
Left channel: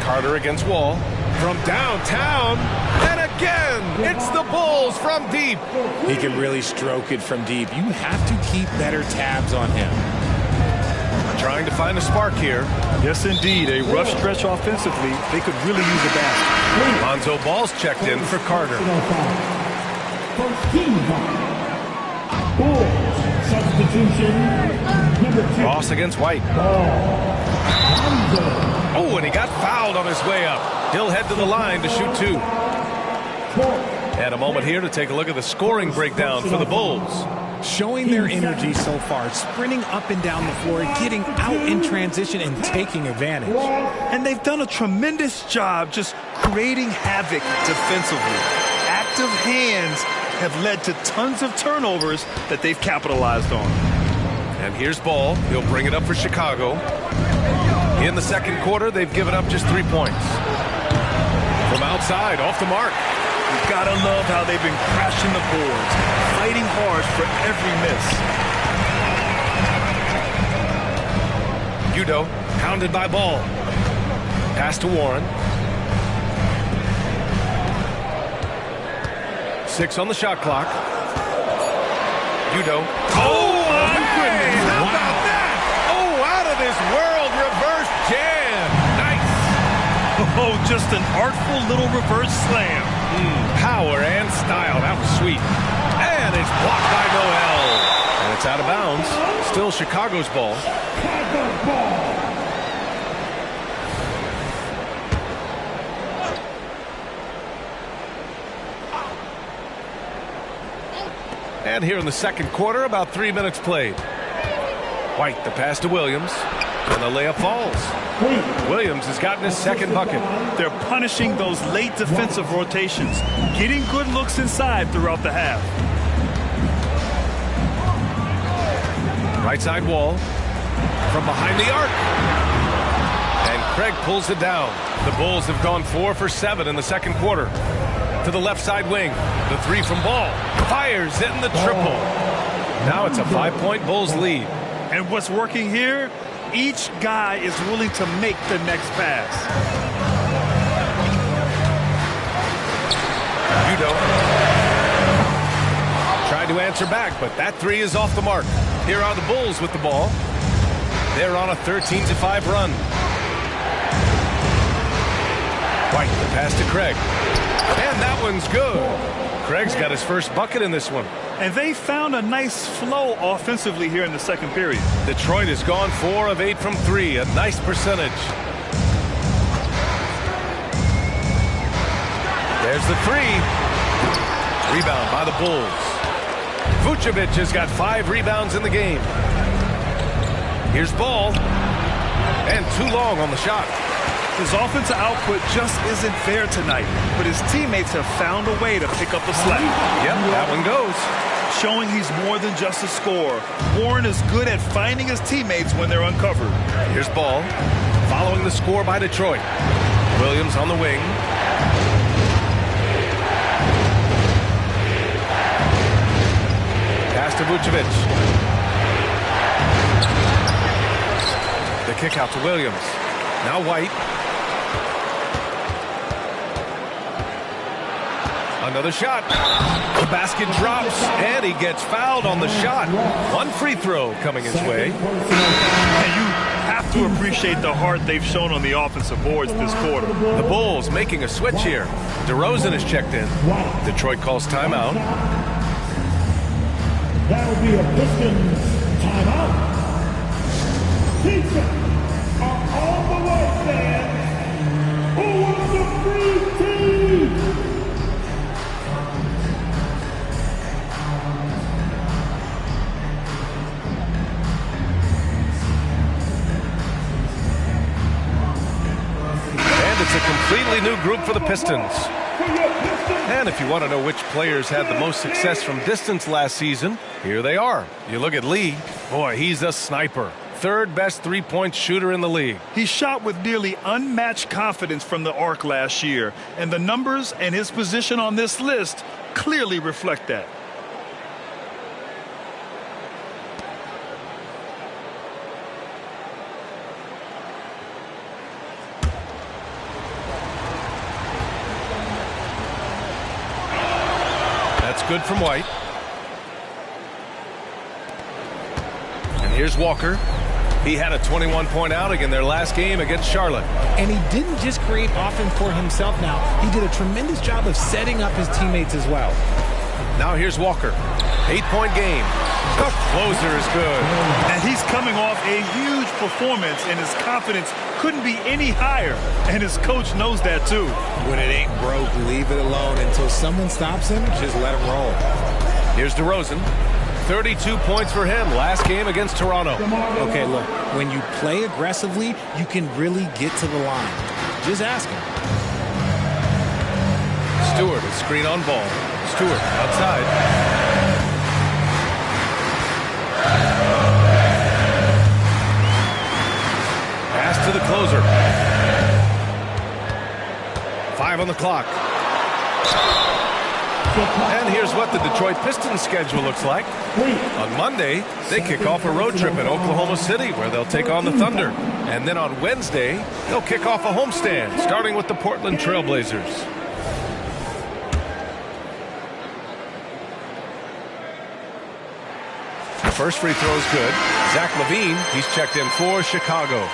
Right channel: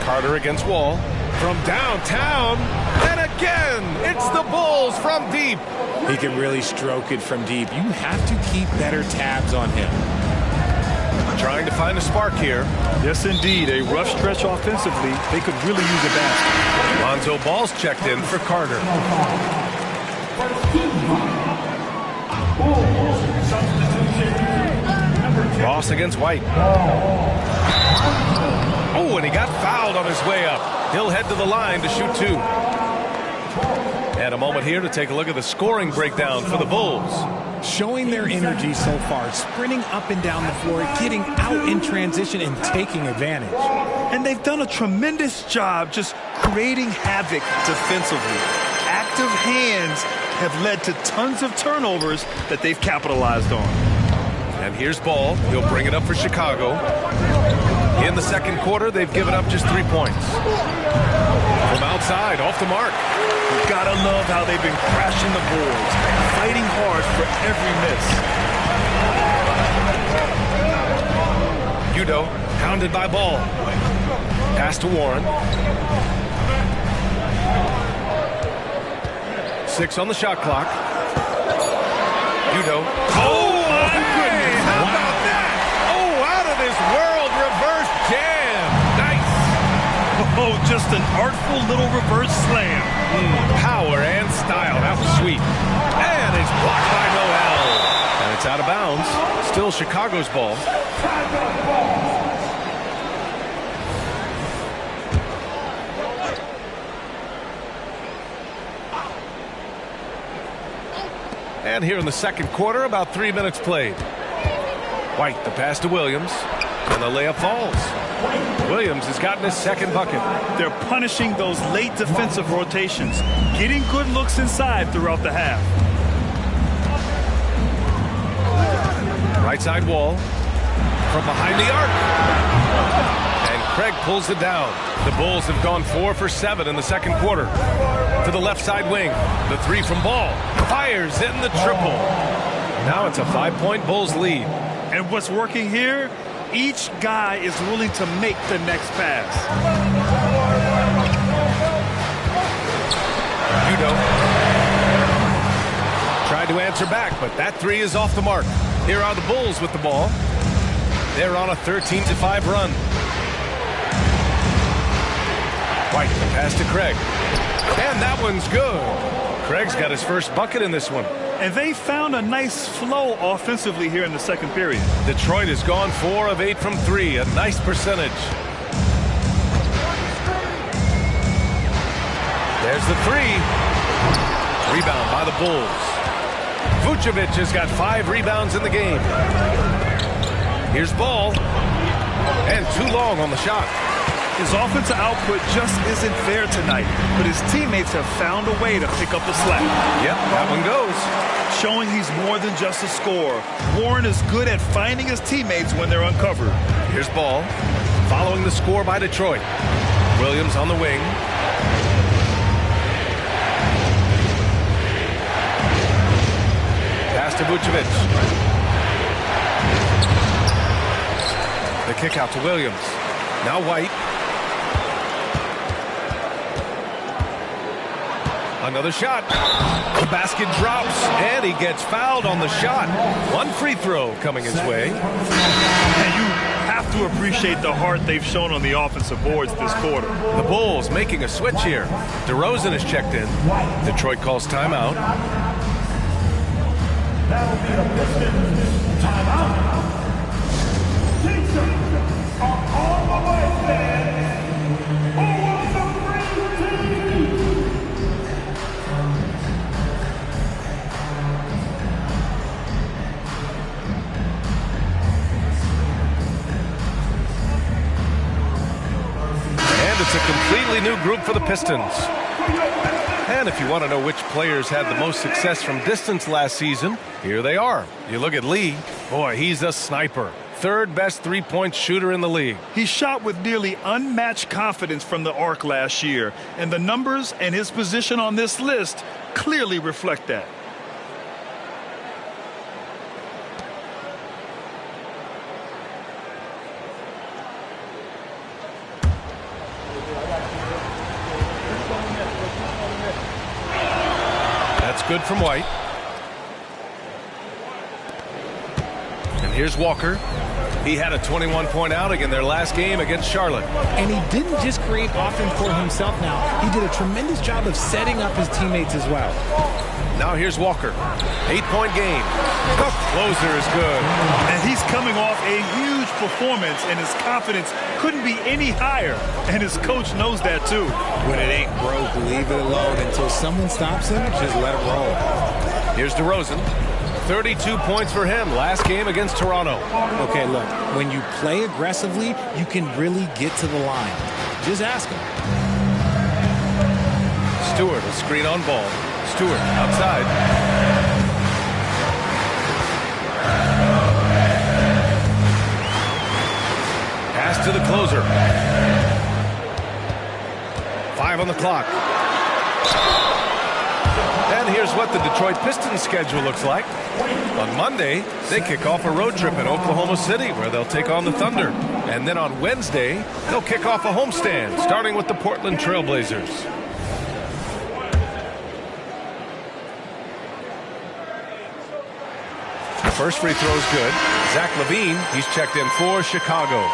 Carter against Wall. From downtown, and again, it's the Bulls from deep. He can really stroke it from deep. You have to keep better tabs on him. Trying to find a spark here. Yes, indeed. A rough stretch offensively. They could really use a basket. Lonzo Ball's checked in for Carter. Ross against White. Oh, and he got fouled on his way up. He'll head to the line to shoot two. And a moment here to take a look at the scoring breakdown for the Bulls. Showing their energy so far, sprinting up and down the floor, getting out in transition and taking advantage. And they've done a tremendous job just creating havoc defensively. Active hands have led to tons of turnovers that they've capitalized on. And here's Ball. He'll bring it up for Chicago. In the second quarter, they've given up just 3 points. From outside, off the mark. You've got to love how they've been crashing the boards, fighting hard for every miss. Udo, hounded by Ball. Pass to Warren. 6 on the shot clock. Udo. Oh, my goodness. How about that? Oh, out of this world reverse jam. Nice. Oh, just an artful little reverse slam. Power and style. That was sweet. And it's blocked by Noel. And it's out of bounds. Still Chicago's ball. And here in the second quarter, about 3 minutes played. White, the pass to Williams. And the layup falls. Williams has gotten his second bucket. They're punishing those late defensive rotations, getting good looks inside throughout the half. Right side Wall. From behind the arc. And Craig pulls it down. The Bulls have gone 4 for 7 in the second quarter. To the left side wing. The three from Ball. Fires in the triple. Now it's a 5-point Bulls lead. And what's working here? Each guy is willing to make the next pass. Udo tried to answer back, but that three is off the mark. Here are the Bulls with the ball. They're on a 13-5 run. White, the pass to Craig. And that one's good. Craig's got his first bucket in this one. And they found a nice flow offensively here in the second period. Detroit has gone 4 of 8 from 3, a nice percentage. There's the three. Rebound by the Bulls. Vucevic has got 5 rebounds in the game. Here's Ball. And too long on the shot. His offensive output just isn't there tonight, but his teammates have found a way to pick up the slack. Yep, that one goes. showing he's more than just a scorer. Warren is good at finding his teammates when they're uncovered. Here's Ball, following the score by Detroit. Williams on the wing. Pass to Vucevic. The kick out to Williams. Now White. Another shot. The basket drops, and he gets fouled on the shot. One free throw coming his way. And you have to appreciate the heart they've shown on the offensive boards this quarter. The Bulls making a switch here. DeRozan is checked in. Detroit calls timeout. That'll be a Pistons timeout. Pistons are on the way, fans. Who wants a free team? And it's a completely new group for the Pistons. And if you want to know which players had the most success from distance last season, here they are. You look at Lee. Boy, he's a sniper. Third best three-point shooter in the league. He shot with nearly unmatched confidence from the arc last year, and the numbers and his position on this list clearly reflect that. That's good from White. And here's Walker. He had a 21-point outing in their last game against Charlotte. And he didn't just create offense for himself now. He did a tremendous job of setting up his teammates as well. Now here's Walker. 8-point game. The closer is good. And he's coming off a huge performance, and his confidence couldn't be any higher. And his coach knows that, too. When it ain't broke, leave it alone until someone stops him. Just let him roll. Here's DeRozan. 32 points for him last game against Toronto. Okay, look, when you play aggressively, you can really get to the line. Just ask him. Stewart, a screen on Ball. Stewart outside. Pass to the closer. 5 on the clock. And here's what the Detroit Pistons schedule looks like. On Monday, they kick off a road trip in Oklahoma City where they'll take on the Thunder. And then on Wednesday, they'll kick off a homestand, starting with the Portland Trailblazers. The first free throw is good. Zach LaVine, he's checked in for Chicago.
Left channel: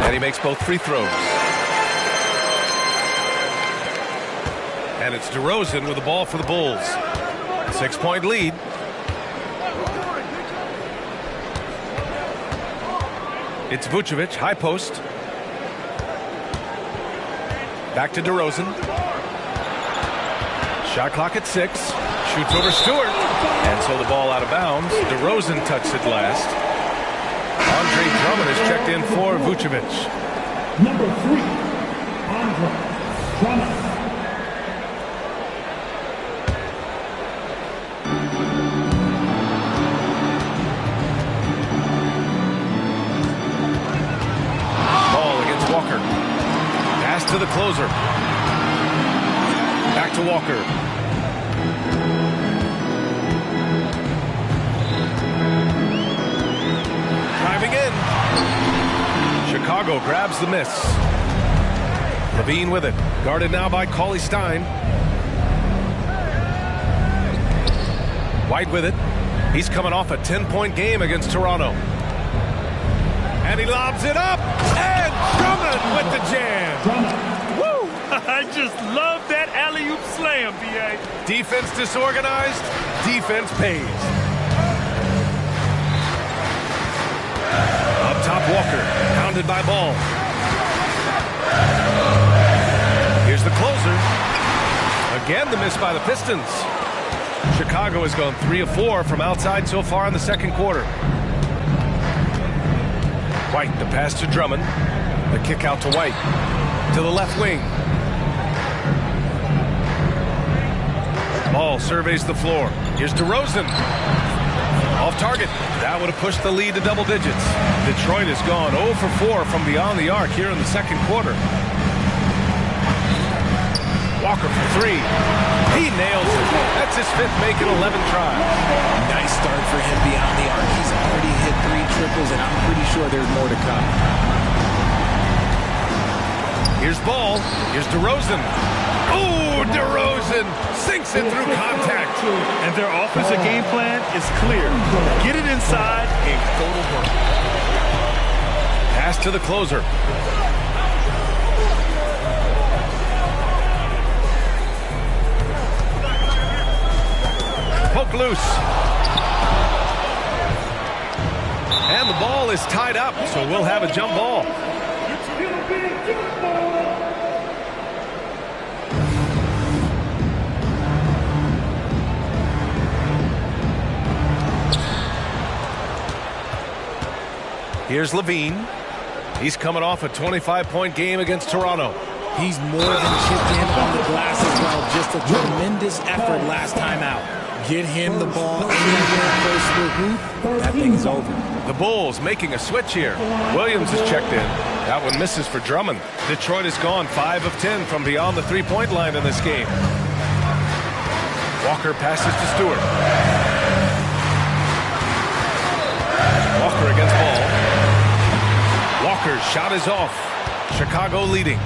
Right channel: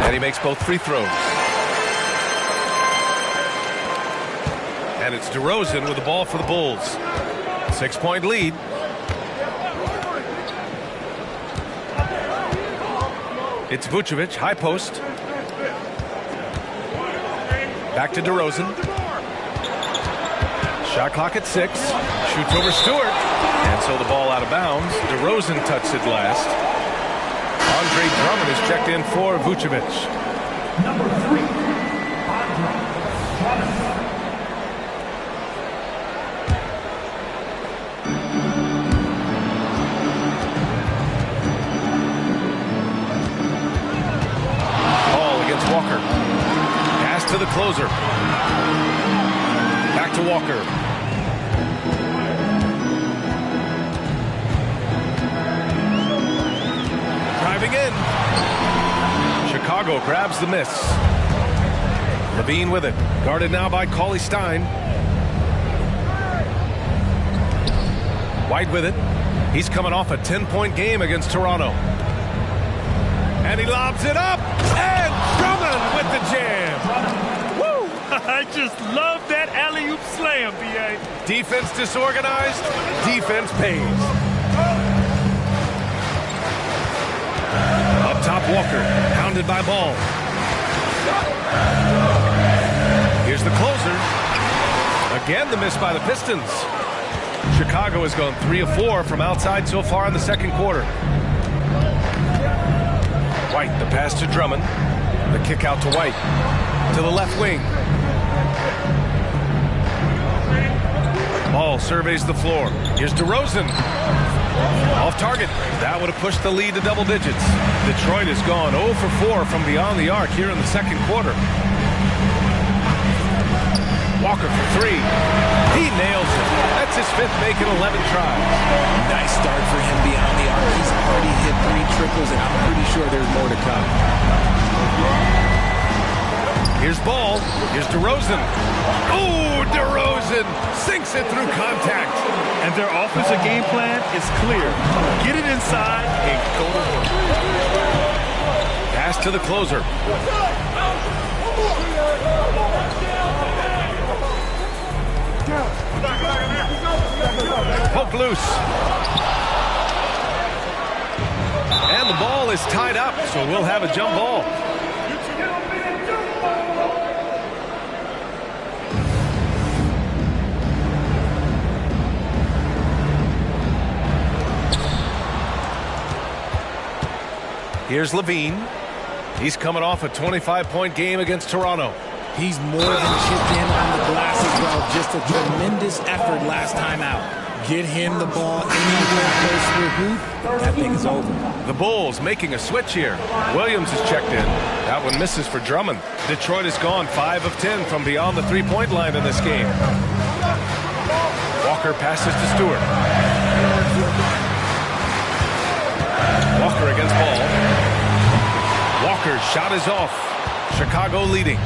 And he makes both free throws. And it's DeRozan with the ball for the Bulls. 6-point lead. It's Vucevic, high post. Back to DeRozan. Shot clock at 6. Shoots over Stewart. And so the ball out of bounds. DeRozan touched it last. Andre Drummond is checked in for Vucevic. Number 3, Andre Drummond. Ball against Walker. Pass to the closer. Back to Walker. Driving in. Chicago grabs the miss. LaVine with it. Guarded now by Cauley Stein. White with it. He's coming off a 10-point game against Toronto. And he lobs it up. And Drummond with the jam. Woo! I just love that alley-oop slam, B.A. Defense disorganized. Defense pays. Up top, Walker, pounded by Ball. Here's the closer. Again, the miss by the Pistons. Chicago has gone 3 of 4 from outside so far in the second quarter. White, the pass to Drummond. The kick out to White. To the left wing. Ball surveys the floor. Here's DeRozan. Off target. That would have pushed the lead to double digits. Detroit has gone 0 for 4 from beyond the arc here in the second quarter. Walker for 3. He nails it. That's his 5th make in 11 tries. Nice start for him beyond the arc. He's already hit 3 triples, and I'm pretty sure there's more to come. Here's Ball. Here's DeRozan. Oh, DeRozan sinks it through contact. And their offensive game plan is clear. Get it inside and go to work. Pass to the closer. Poke loose. And the ball is tied up, so we'll have a jump ball. Here's Levine. He's coming off a 25-point game against Toronto. He's more than chipped in on the glass as well. Just a tremendous effort last time out. Get him the ball anywhere close to the hoop, that thing's over. The Bulls making a switch here. Williams is checked in. That one misses for Drummond. Detroit has gone 5 of 10 from beyond the three-point line in this game. Walker passes to Stewart. Walker against Ball. Walker's shot is off. Chicago leading.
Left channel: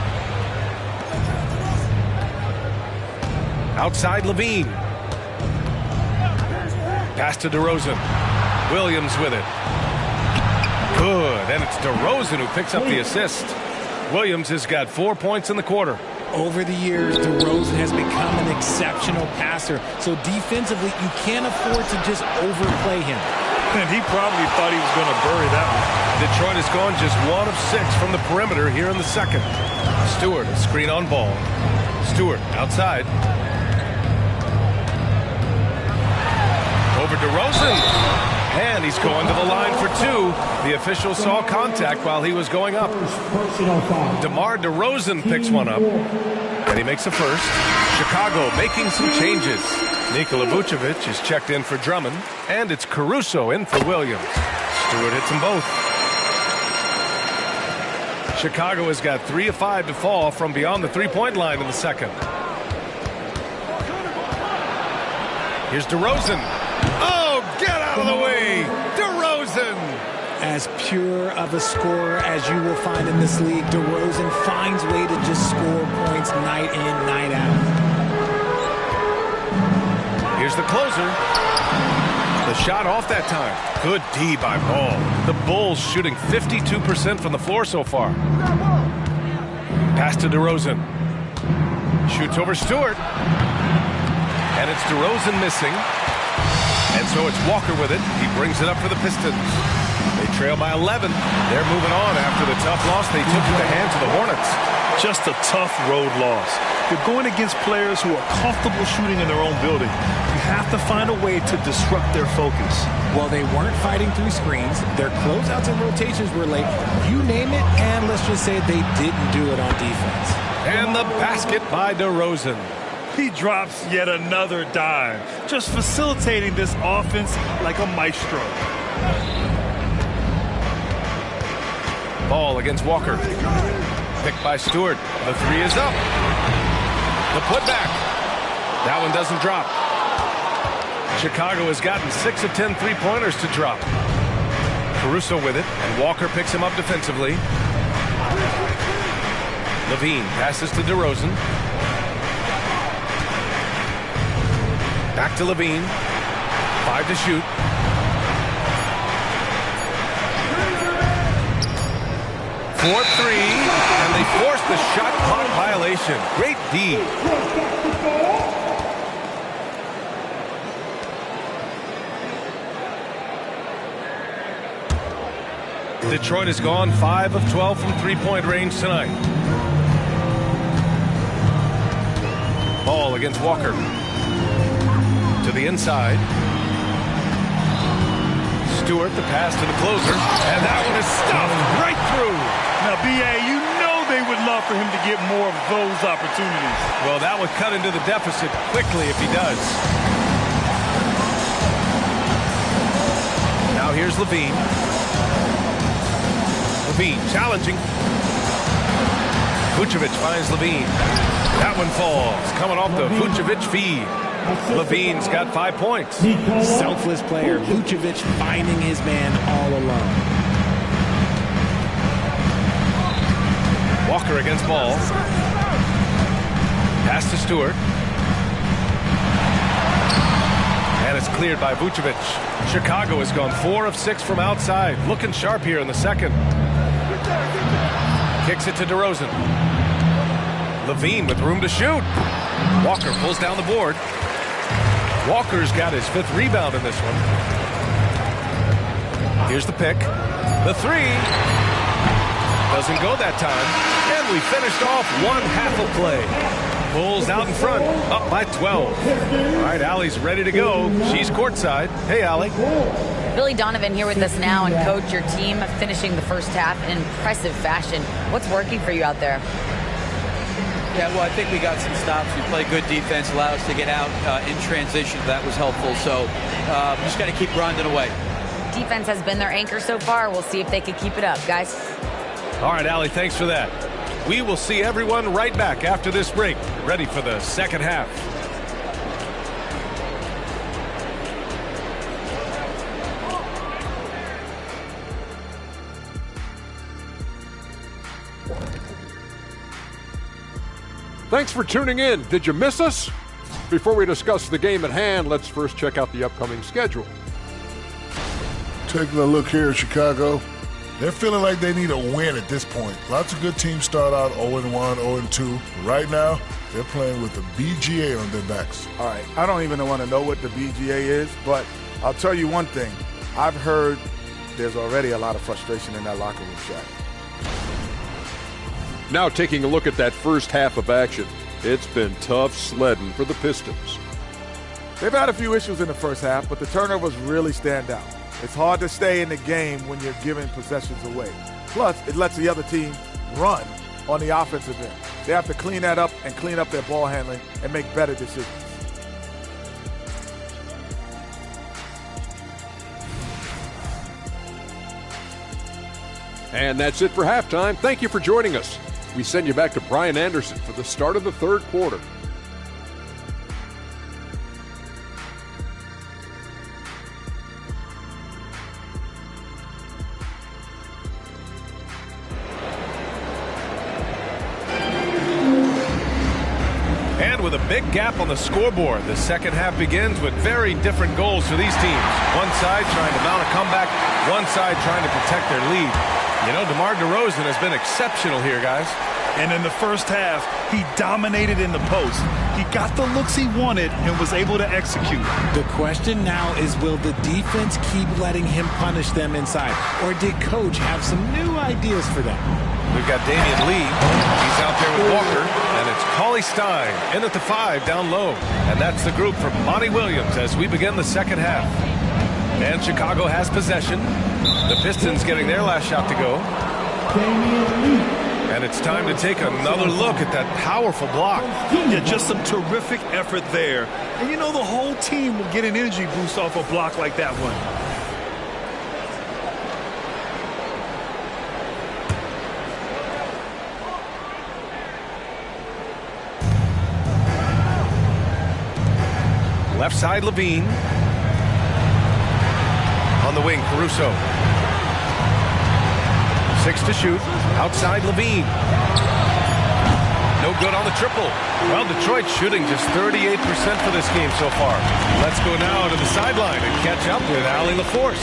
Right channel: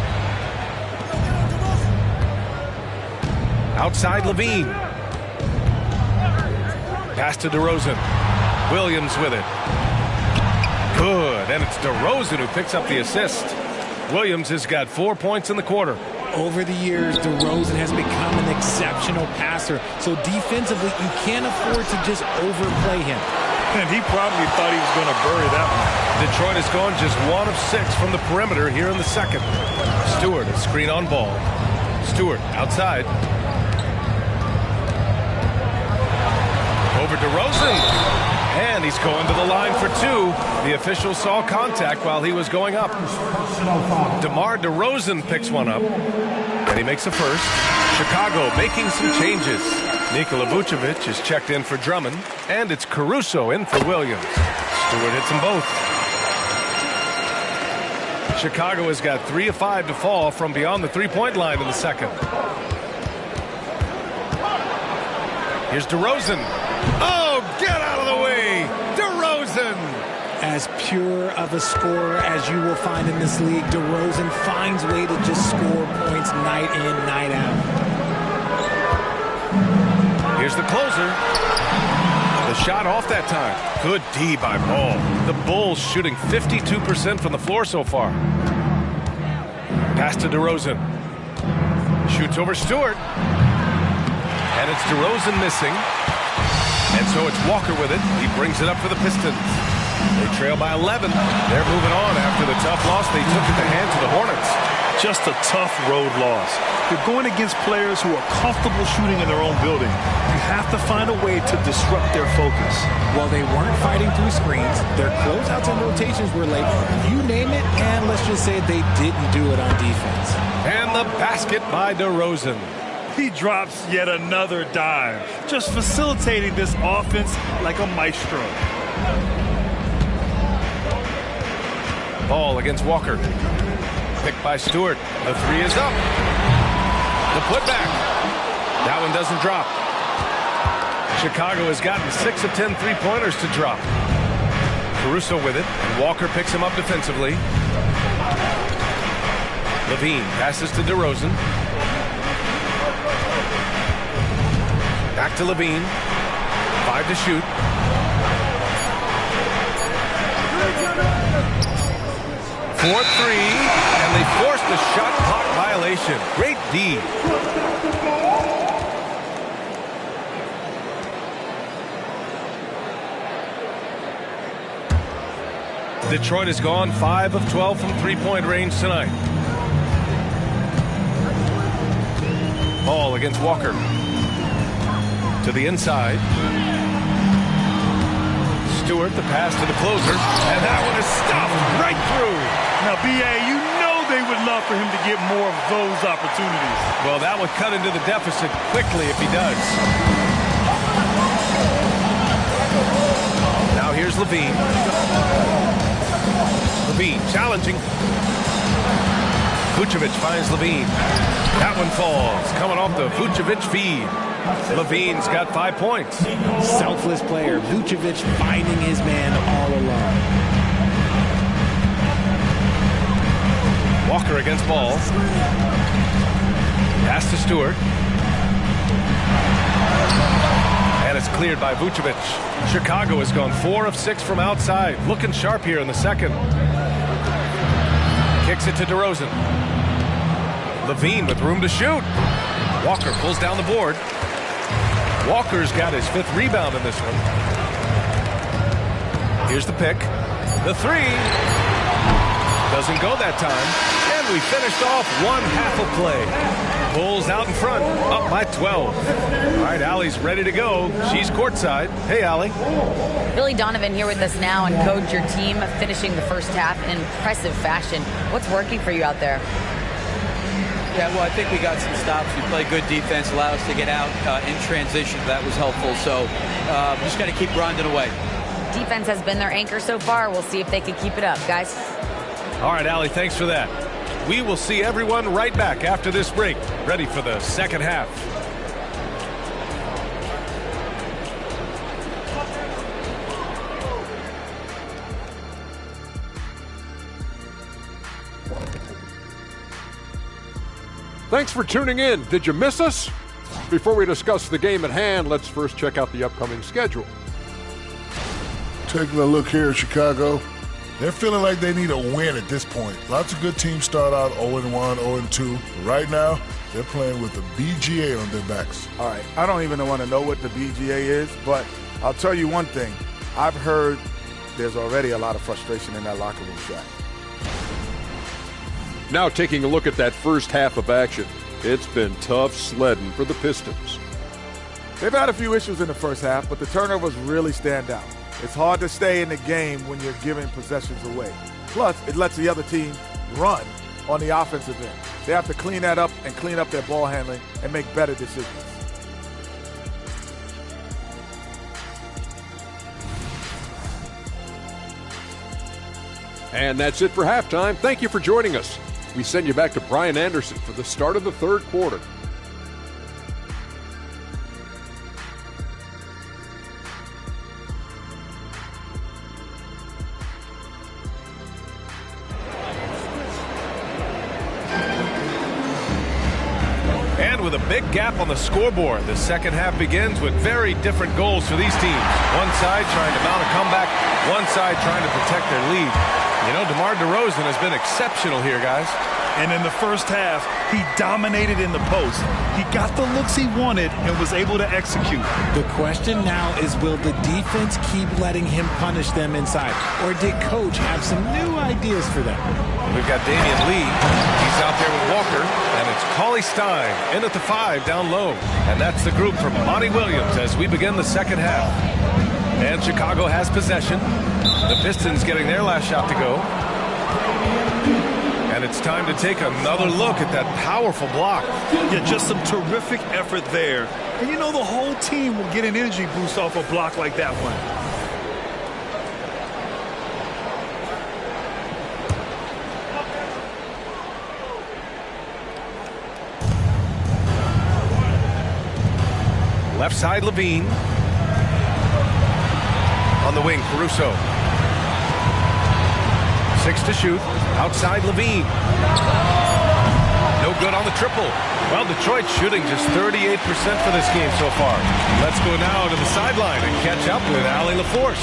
Outside Levine. Pass to DeRozan. Williams with it. Good, and it's DeRozan who picks up the assist. Williams has got 4 points in the quarter. Over the years, DeRozan has become an exceptional passer, so defensively, you can't afford to just overplay him. And he probably thought he was going to bury that one. Detroit has gone just 1 of 6 from the perimeter here in the second. Stewart, a screen on Ball. Stewart outside. Over DeRozan. And he's going to the line for 2. The official saw contact while he was going up. DeMar DeRozan picks one up. And he makes a first. Chicago making some changes. Nikola Vucevic is checked in for Drummond. And it's Caruso in for Williams. Stewart hits them both. Chicago has got 3 of 5 to fall from beyond the three-point line in the second. Here's DeRozan. Oh, get out of the way! DeRozan! As pure of a scorer as you will find in this league, DeRozan finds way to just score points night in, night out. Here's the closer. The shot off that time. Good D by Ball. The Bulls shooting 52% from the floor so far. Pass to DeRozan. Shoots over Stewart. And it's DeRozan missing. And so it's Walker with it. He brings it up for the Pistons. They trail by 11. They're moving on after the tough loss they took at the hands of the Hornets. Just a tough road loss. You're going against players who are comfortable shooting in their own building. You have to find a way to disrupt their focus. Well, they weren't fighting through screens. Their closeouts and rotations were late. You name it, and let's just say they didn't do it on defense. And the basket by DeRozan. He drops yet another dime, just facilitating this offense like a maestro. Ball against Walker. Picked by Stewart. The 3 is up. The putback. That one doesn't drop. Chicago has gotten 6 of 10 three-pointers to drop. Caruso with it, and Walker picks him up defensively. Levine passes to DeRozan. Back to Levine. 5 to shoot. Fourth 3, and they force the shot clock violation. Great D. Detroit has gone 5 of 12 from three-point range tonight. Ball against Walker. To the inside. Stewart, the pass to the closer. And that one just stuffed right through. Now, B.A., you know they would love for him to get more of those opportunities. Well, that would cut into the deficit quickly if he does. Now here's Levine. Levine challenging. Vucevic finds Levine. That one falls, coming off the Vucevic feed. Levine's got 5 points. Selfless player. Vucevic finding his man all alone. Walker against ball. Pass to Stewart. And it's cleared by Vucevic. Chicago has gone 4 of 6 from outside. Looking sharp here in the second. Kicks it to DeRozan. Levine with room to shoot. Walker pulls down the board. Walker's got his 5th rebound in this one. Here's the pick. The 3. Doesn't go that time. And we finished off one half of play. Bulls out in front, up by 12. All right, Allie's ready to go. She's courtside. Hey, Allie. Billy Donovan here with us now, and coach, your team finishing the first half in impressive fashion. What's working for you out there? Yeah, well, I think we got some stops. We played good defense, allowed us to get out in transition. That was helpful. So just got to keep grinding away. Defense has been their anchor so far. We'll see if they can keep it up, guys. All right, Allie, thanks for that. We will see everyone right back after this break, ready for the second half. Thanks for tuning in. Did you miss us? Before we discuss the game at hand, let's first check out the upcoming schedule. Taking a look here at Chicago, they're feeling like they need a win at this point. Lots of good teams start out 0-1, 0-2. But right now, they're playing with the BGA on their backs. All right, I don't even want to know what the BGA is, but I'll tell you one thing. I've heard there's already a lot of frustration in that locker room, Shaq. Now taking a look at that first half of action. It's been tough sledding for the Pistons. They've had a few issues in the first half, but the turnovers really stand out. It's hard to stay in the game when you're giving possessions away. Plus, it lets the other team run on the offensive end. They have to clean that up and clean up their ball handling and make better decisions. And that's it for halftime. Thank you for joining us. We send you back to Brian Anderson for the start of the third quarter. And with a big gap on the scoreboard, the second half begins with very different goals for these teams. One side trying to mount a comeback, one side trying to protect their lead. You know, DeMar DeRozan has been exceptional here, guys. And in the first half, he dominated in the post. He got the looks he wanted and was able to execute. The question now is, will the defense keep letting him punish them inside? Or did coach have some new ideas for them? We've got Damian Lee. He's out there with Walker. And it's Cauley Stein in at the 5 down low. And that's the group from Monty Williams as we begin the second half. And Chicago has possession. The Pistons getting their last shot to go. And it's time to take another look at that powerful block. Yeah, just some terrific effort there. And you know the whole team will get an energy boost off a block like that one. Left side, Levine. On the wing, Caruso. 6 to shoot. Outside, Levine. No good on the triple. Well, Detroit shooting just 38% for this game so far. Let's go now to the sideline and catch up with Allie LaForce.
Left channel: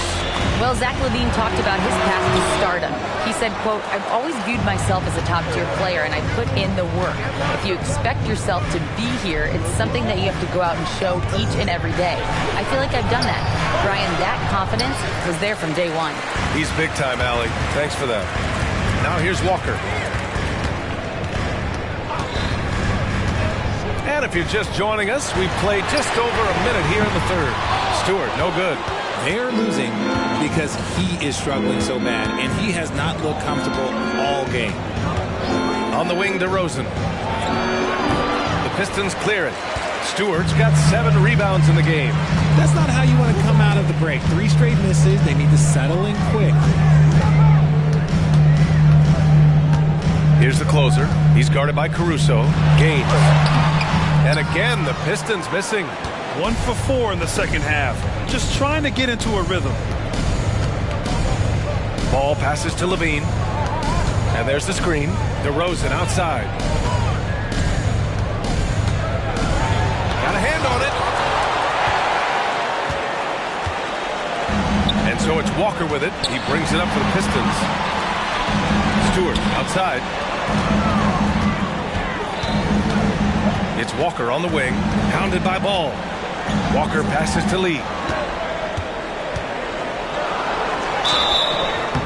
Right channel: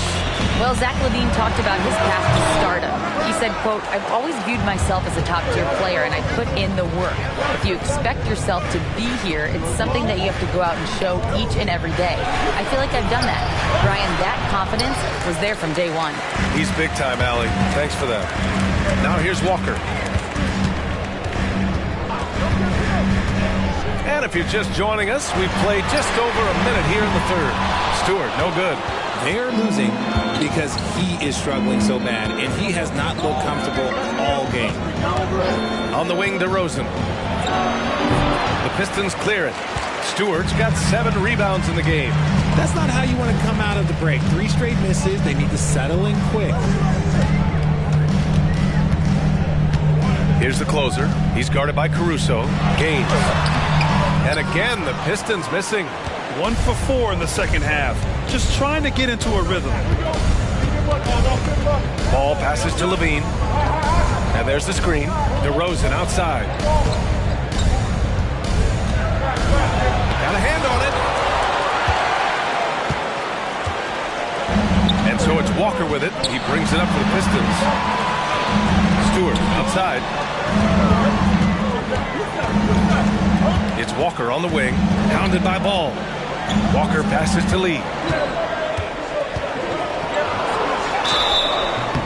Well, Zach LaVine talked about his path to stardom. He said, quote, "I've always viewed myself as a top-tier player, and I put in the work. If you expect yourself to be here, it's something that you have to go out and show each and every day. I feel like I've done that." Brian, that confidence was there from day one. He's big time, Allie. Thanks for that. Now here's Walker. And if you're just joining us, we've played just over a minute here in the third. Stewart, no good. They're losing because he is struggling so bad, and he has not looked comfortable all game. On the wing, DeRozan. The Pistons clear it. Stewart's got 7 rebounds in the game. That's not how you want to come out of the break. 3 straight misses. They need to settle in quick. Here's the closer. He's guarded by Caruso. Gaines. And again, the Pistons missing. 1 for 4 in the second half. Just trying to get into a rhythm. Ball passes to Levine. And there's the screen. DeRozan outside. Got a hand on it. And so it's Walker with it. He brings it up for the Pistons. Stewart outside. It's Walker on the wing. Hounded by Ball. Walker passes to Lee.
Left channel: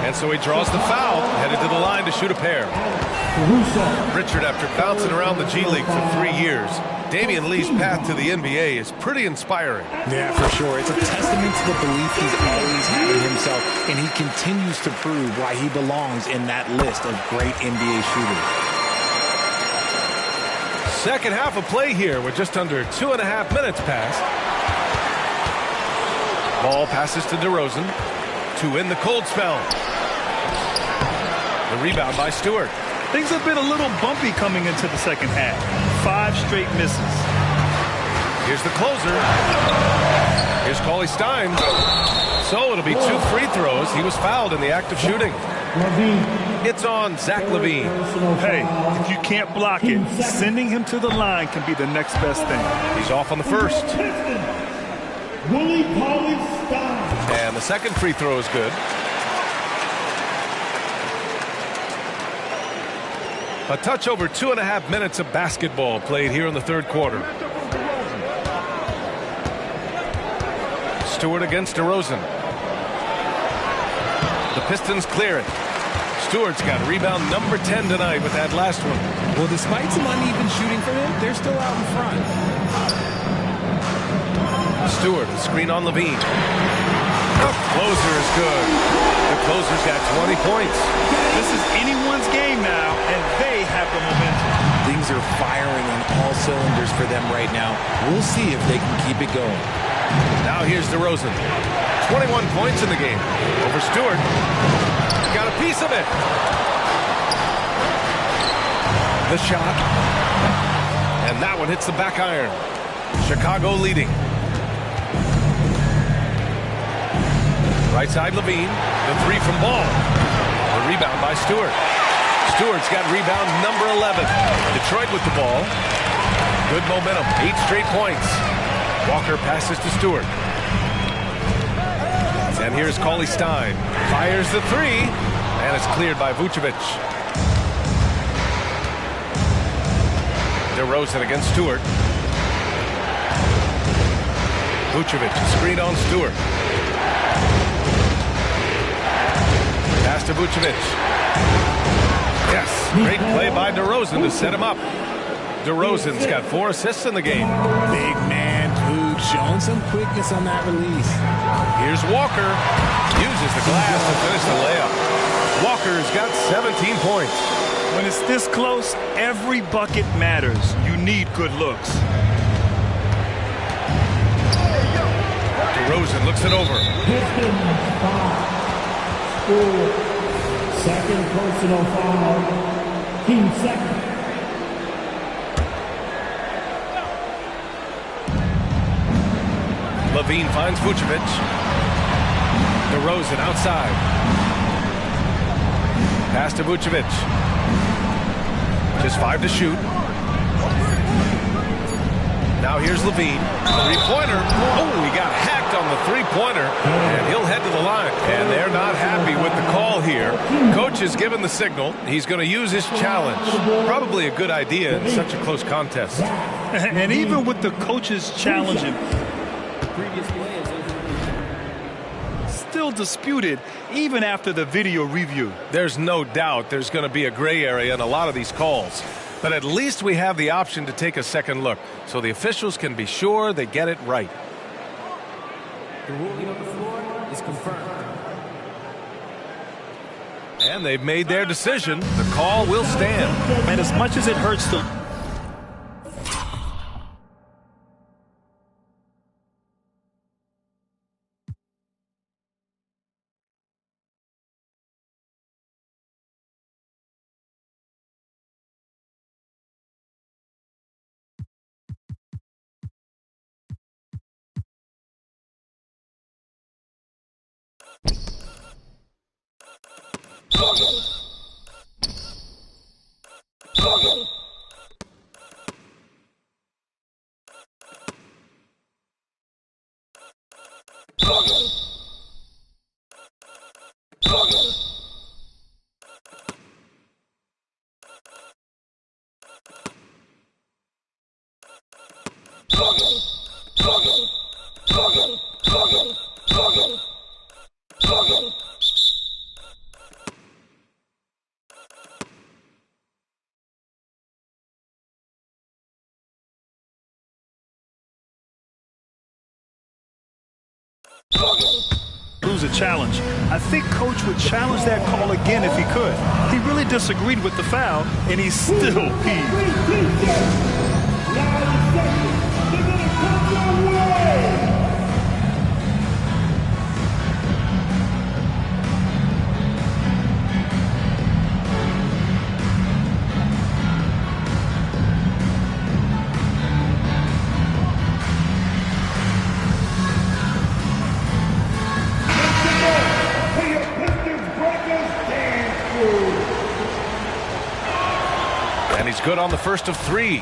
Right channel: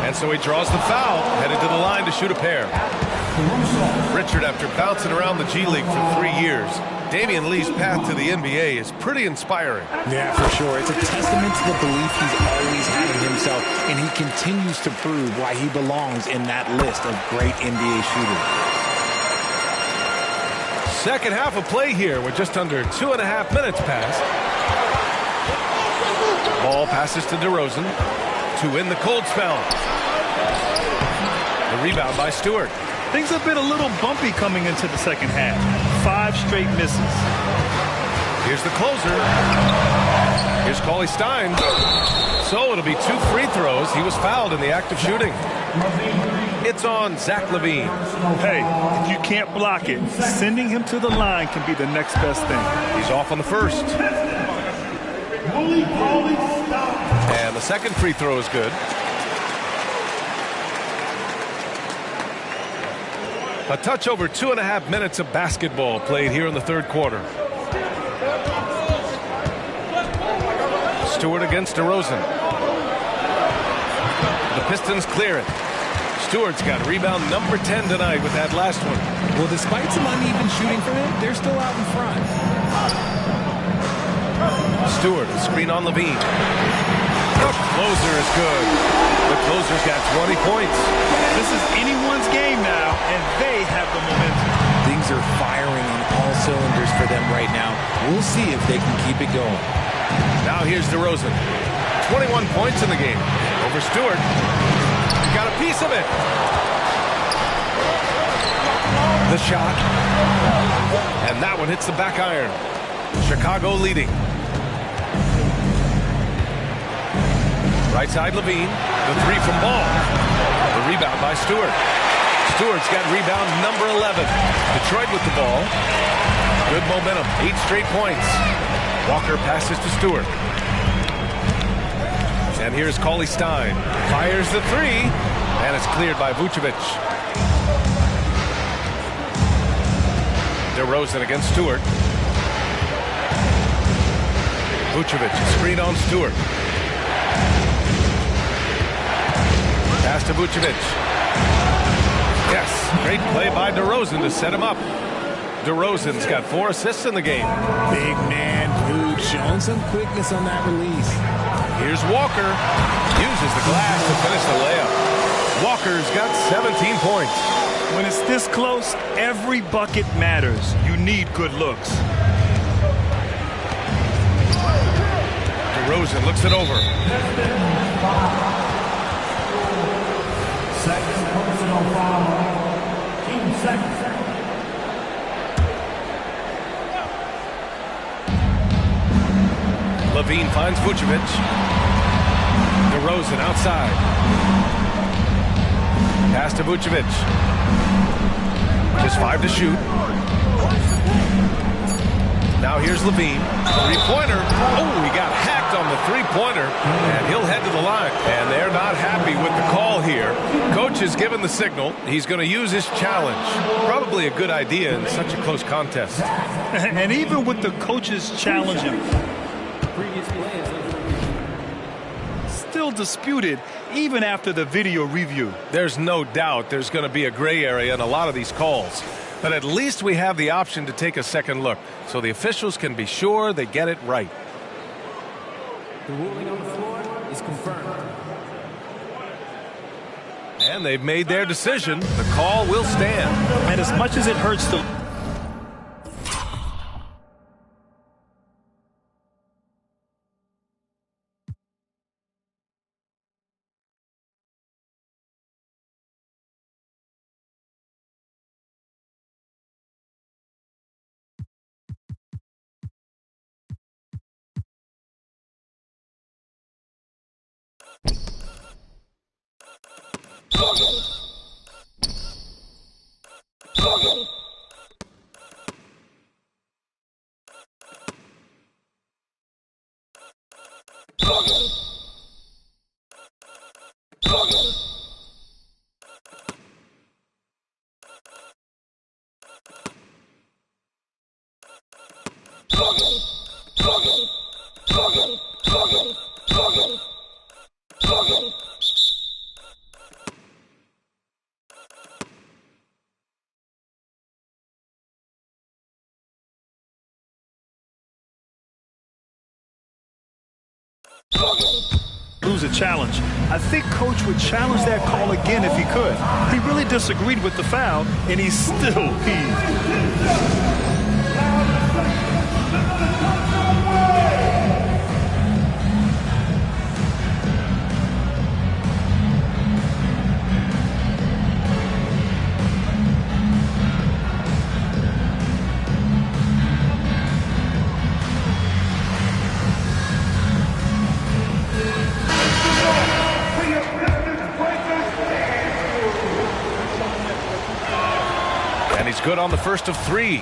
And so he draws the foul, headed to the line to shoot a pair. Richard, after bouncing around the G League for 3 years, Damian Lee's path to the NBA is pretty inspiring. Yeah, for sure. It's a testament to the belief he's always had in himself, and he continues to prove why he belongs in that list of great NBA shooters. Second half of play here with just under 2.5 minutes passed. Ball passes to DeRozan to end the cold spell. The rebound by Stewart. Things have been a little bumpy coming into the second half. 5 straight misses. Here's the closer. Here's Cauley Stein. So it'll be 2 free throws. He was fouled in the act of shooting. It's on Zach LaVine. Hey, if you can't block it, sending him to the line can be the next best thing. He's off on the first. And the second free throw is good. A touch over 2.5 minutes of basketball played here in the third quarter. Stewart against DeRozan. The Pistons clear it. Stewart's got rebound number 10 tonight with that last one. Well, despite some uneven shooting from him, they're still out in front. Stewart, a screen on Levine. The closer is good. The closer's got 20 points. This is anyone's game now, and they have the momentum. Things are firing on all cylinders for them right now. We'll see if they can keep it going. Now here's DeRozan. 21 points in the game. Over Stewart. Got a piece of it. The shot. And that one hits the back iron. Chicago leading. Right side Levine. The 3 from Ball. The rebound by Stewart. Stewart's got rebound number 11. Detroit with the ball. Good momentum. 8 straight points. Walker passes to Stewart. And here's Cauley Stein. Fires the 3. And it's cleared by Vucevic. DeRozan against Stewart. Vucevic, a screen on Stewart. Pass to Vucevic. Yes, great play by DeRozan to set him up. DeRozan's got 4 assists in the game. Big man, Vooch, showing some quickness on that release. Here's Walker. Uses the glass to finish the layup. Walker's got 17 points. When it's this close, every bucket matters. You need good looks. DeRozan looks it over. Second personal foul. Team second. Levine finds Vucevic. DeRozan outside. Pass to Vucevic. Just 5 to shoot. Now here's Levine. 3-pointer. Oh, he got hacked on the 3-pointer. And he'll head to the line. And they're not happy with the call here. Coach has given the signal. He's going to use his challenge. Probably a good idea in such a close contest. And even with the coach's challenge, previous play is under review. Still disputed even after the video review. There's no doubt there's going to be a gray area in a lot of these calls. But at least we have the option to take a second look so the officials can be sure they get it right. The ruling on the floor is confirmed. And they've made their decision. The call will stand. And as much as it hurts to... lose a challenge. I think Coach would challenge that call again if he could. He really disagreed with the foul, and he's still peeved. And he's good on the first of three.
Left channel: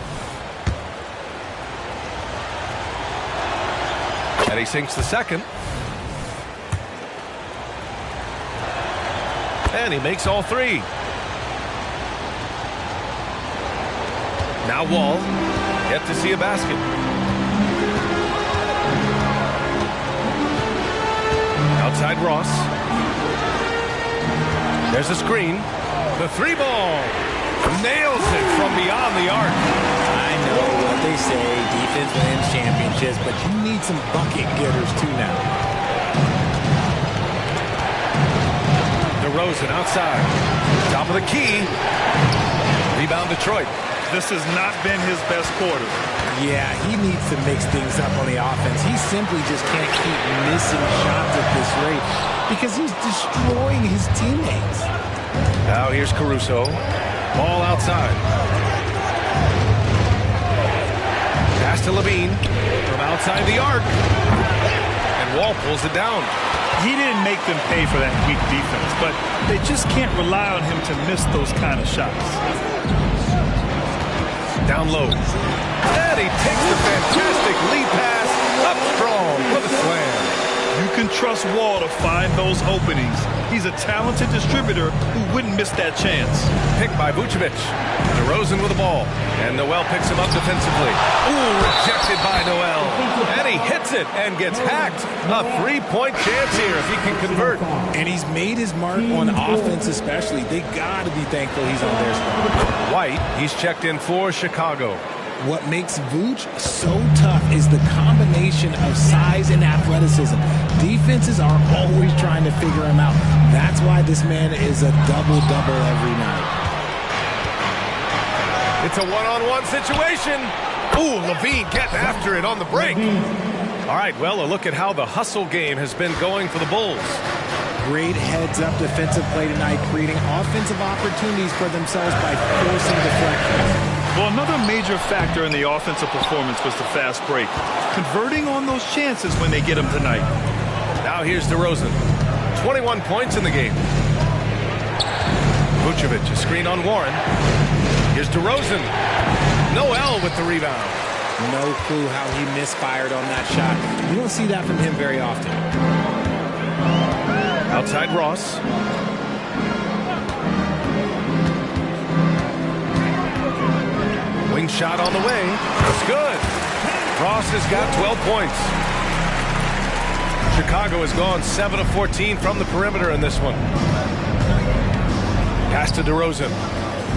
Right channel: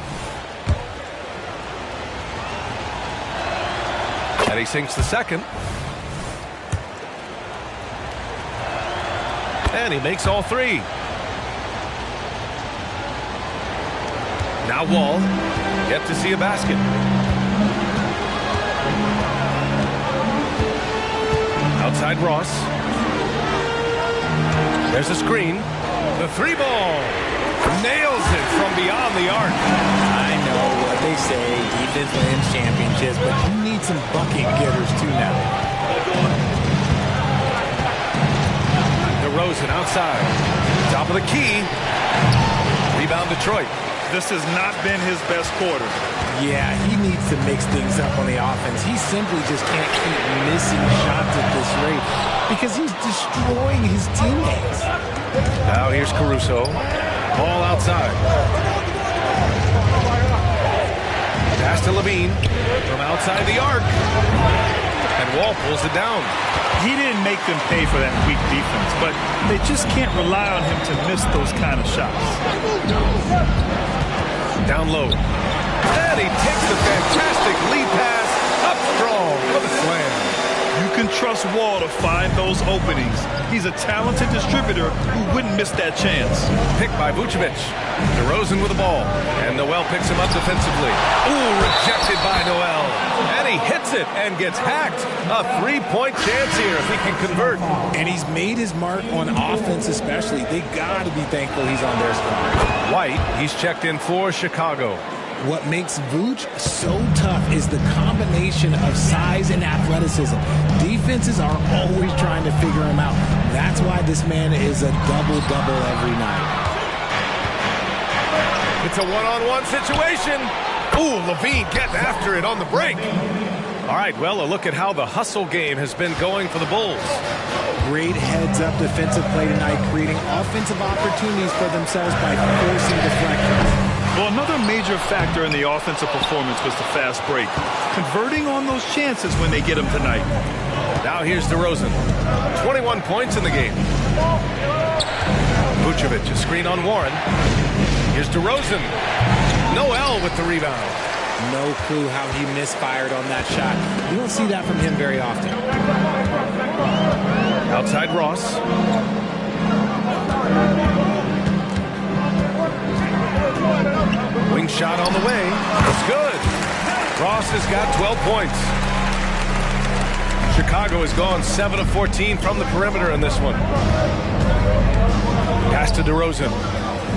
And he sinks the second. And he makes all three. Now Wall. Yet to see a basket. Outside Ross. There's a screen. The three ball. Nails it from beyond the arc. I know what they say, defense wins championships, but you need some bucket getters too now. DeRozan outside. Top of the key. Rebound Detroit. This has not been his best quarter. Yeah, he needs to mix things up on the offense. He simply just can't keep missing shots at this rate because he's destroying his teammates. Now here's Caruso. Ball outside. Pass to Levine from outside the arc. And Wall pulls it down. He didn't make them pay for that weak defense, but they just can't rely on him to miss those kind of shots. Down low. And he takes the fantastic lead pass up strong for the slam. You can trust Wall to find those openings. He's a talented distributor who wouldn't miss that chance. Picked by Vucevic. DeRozan with the ball. And Noel picks him up defensively. Ooh, rejected by Noel. And he hits it and gets hacked. A three-point chance here if he can convert. And he's made his mark on offense especially. They got to be thankful he's on their squad. White, he's checked in for Chicago. What makes Vooch so tough is the combination of size and athleticism. Defenses are always trying to figure him out. That's why this man is a double-double every night. It's a one-on-one situation. Ooh, Levine getting after it on the break. All right, well, a look at how the hustle game has been going for the Bulls. Great heads-up defensive play tonight, creating offensive opportunities for themselves by forcing deflections. Well, another major factor in the offensive performance was the fast break. Converting on those chances when they get them tonight. Now here's DeRozan. 21 points in the game. Vucevic, a screen on Warren. Here's DeRozan. Noel with the rebound. No clue how he misfired on that shot. You don't see that from him very often. Outside Ross. Wing shot on the way. It's good. Ross has got 12 points. Chicago has gone 7 of 14 from the perimeter in this one. Pass to DeRozan.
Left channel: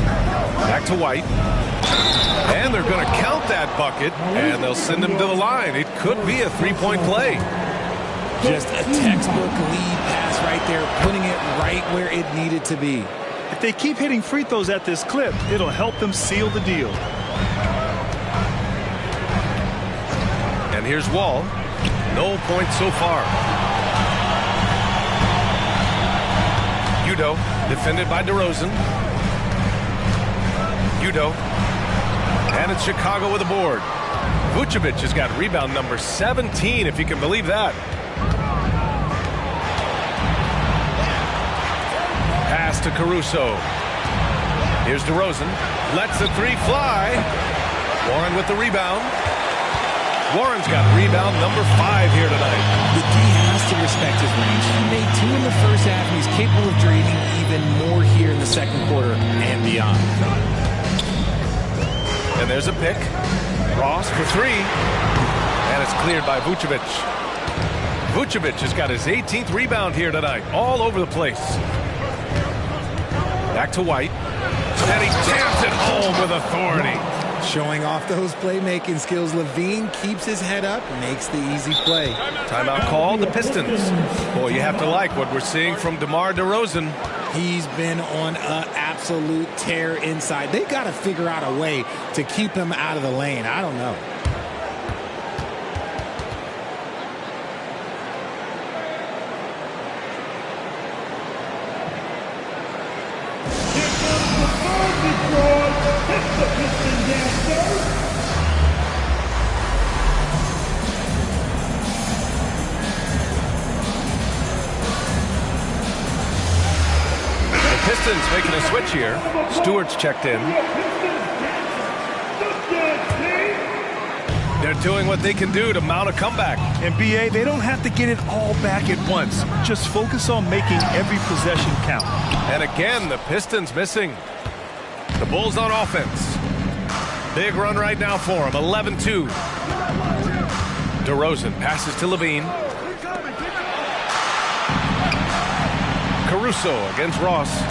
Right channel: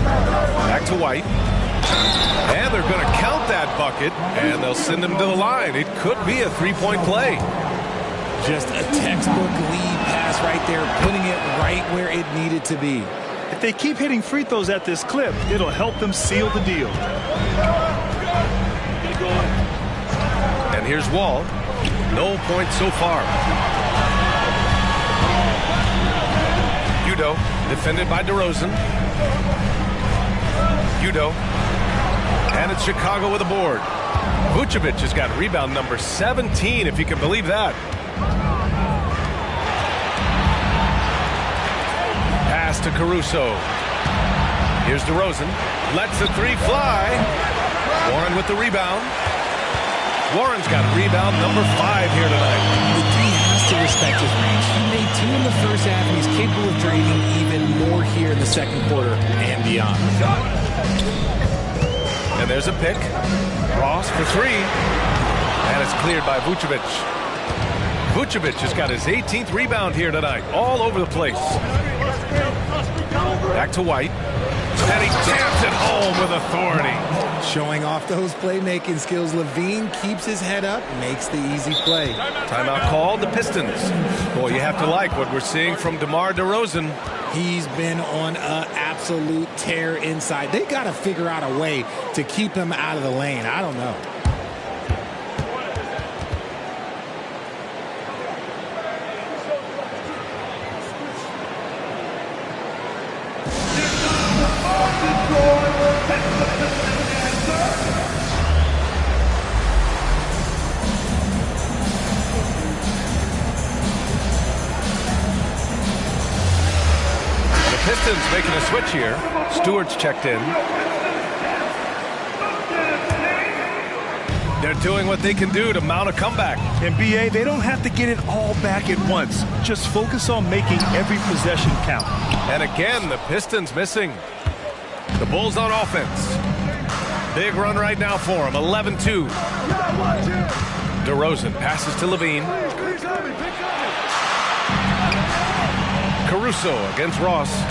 Back to White. And they're going to count that bucket, and they'll send him to the line. It could be a three-point play. Just a textbook lead pass right there, putting it right where it needed to be. If they keep hitting free throws at this clip, it'll help them seal the deal. And here's Wall. No points so far. Udo, defended by DeRozan. Udo. And it's Chicago with a board. Vucevic has got rebound number 17, if you can believe that. Pass to Caruso. Here's DeRozan. Lets the three fly. Warren with the rebound. Warren's got rebound number 5 here tonight. The D has to respect his range. He made 2 in the first half, and he's capable of draining even more here in the second quarter and beyond. And there's a pick. Ross for 3. And it's cleared by Vucevic. Vucevic has got his 18th rebound here tonight. All over the place. Back to White. And he jams it home with authority. Showing off those playmaking skills, LaVine keeps his head up, makes the easy play. Timeout called, the Pistons. Boy, you have to like what we're seeing from DeMar DeRozan. He's been on an absolute tear inside. They got to figure out a way to keep him out of the lane. I don't know. Pistons making a switch here. Stewart's checked in. They're doing what they can do to mount a comeback. And BA, they don't have to get it all back at once. Just focus on making every possession count. And again, the Pistons missing. The Bulls on offense. Big run right now for them. 11-2. DeRozan passes to LaVine. Caruso against Ross.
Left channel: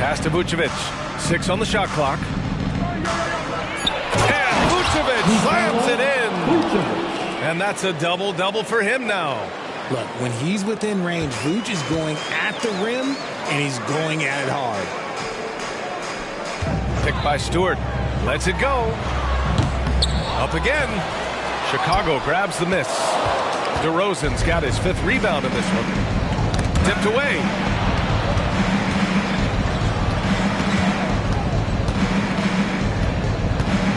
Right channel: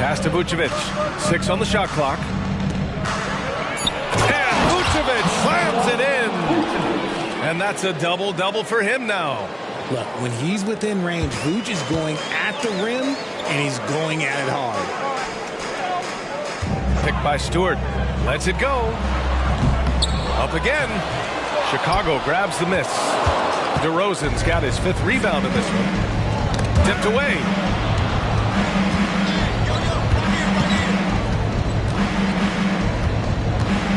Pass to Vucevic. 6 on the shot clock. And Vucevic slams it in. And that's a double-double for him now. Look, when he's within range, Vooch is going at the rim, and he's going at it hard. Picked by Stewart. Lets it go. Up again. Chicago grabs the miss. DeRozan's got his 5th rebound in this one. Tipped away.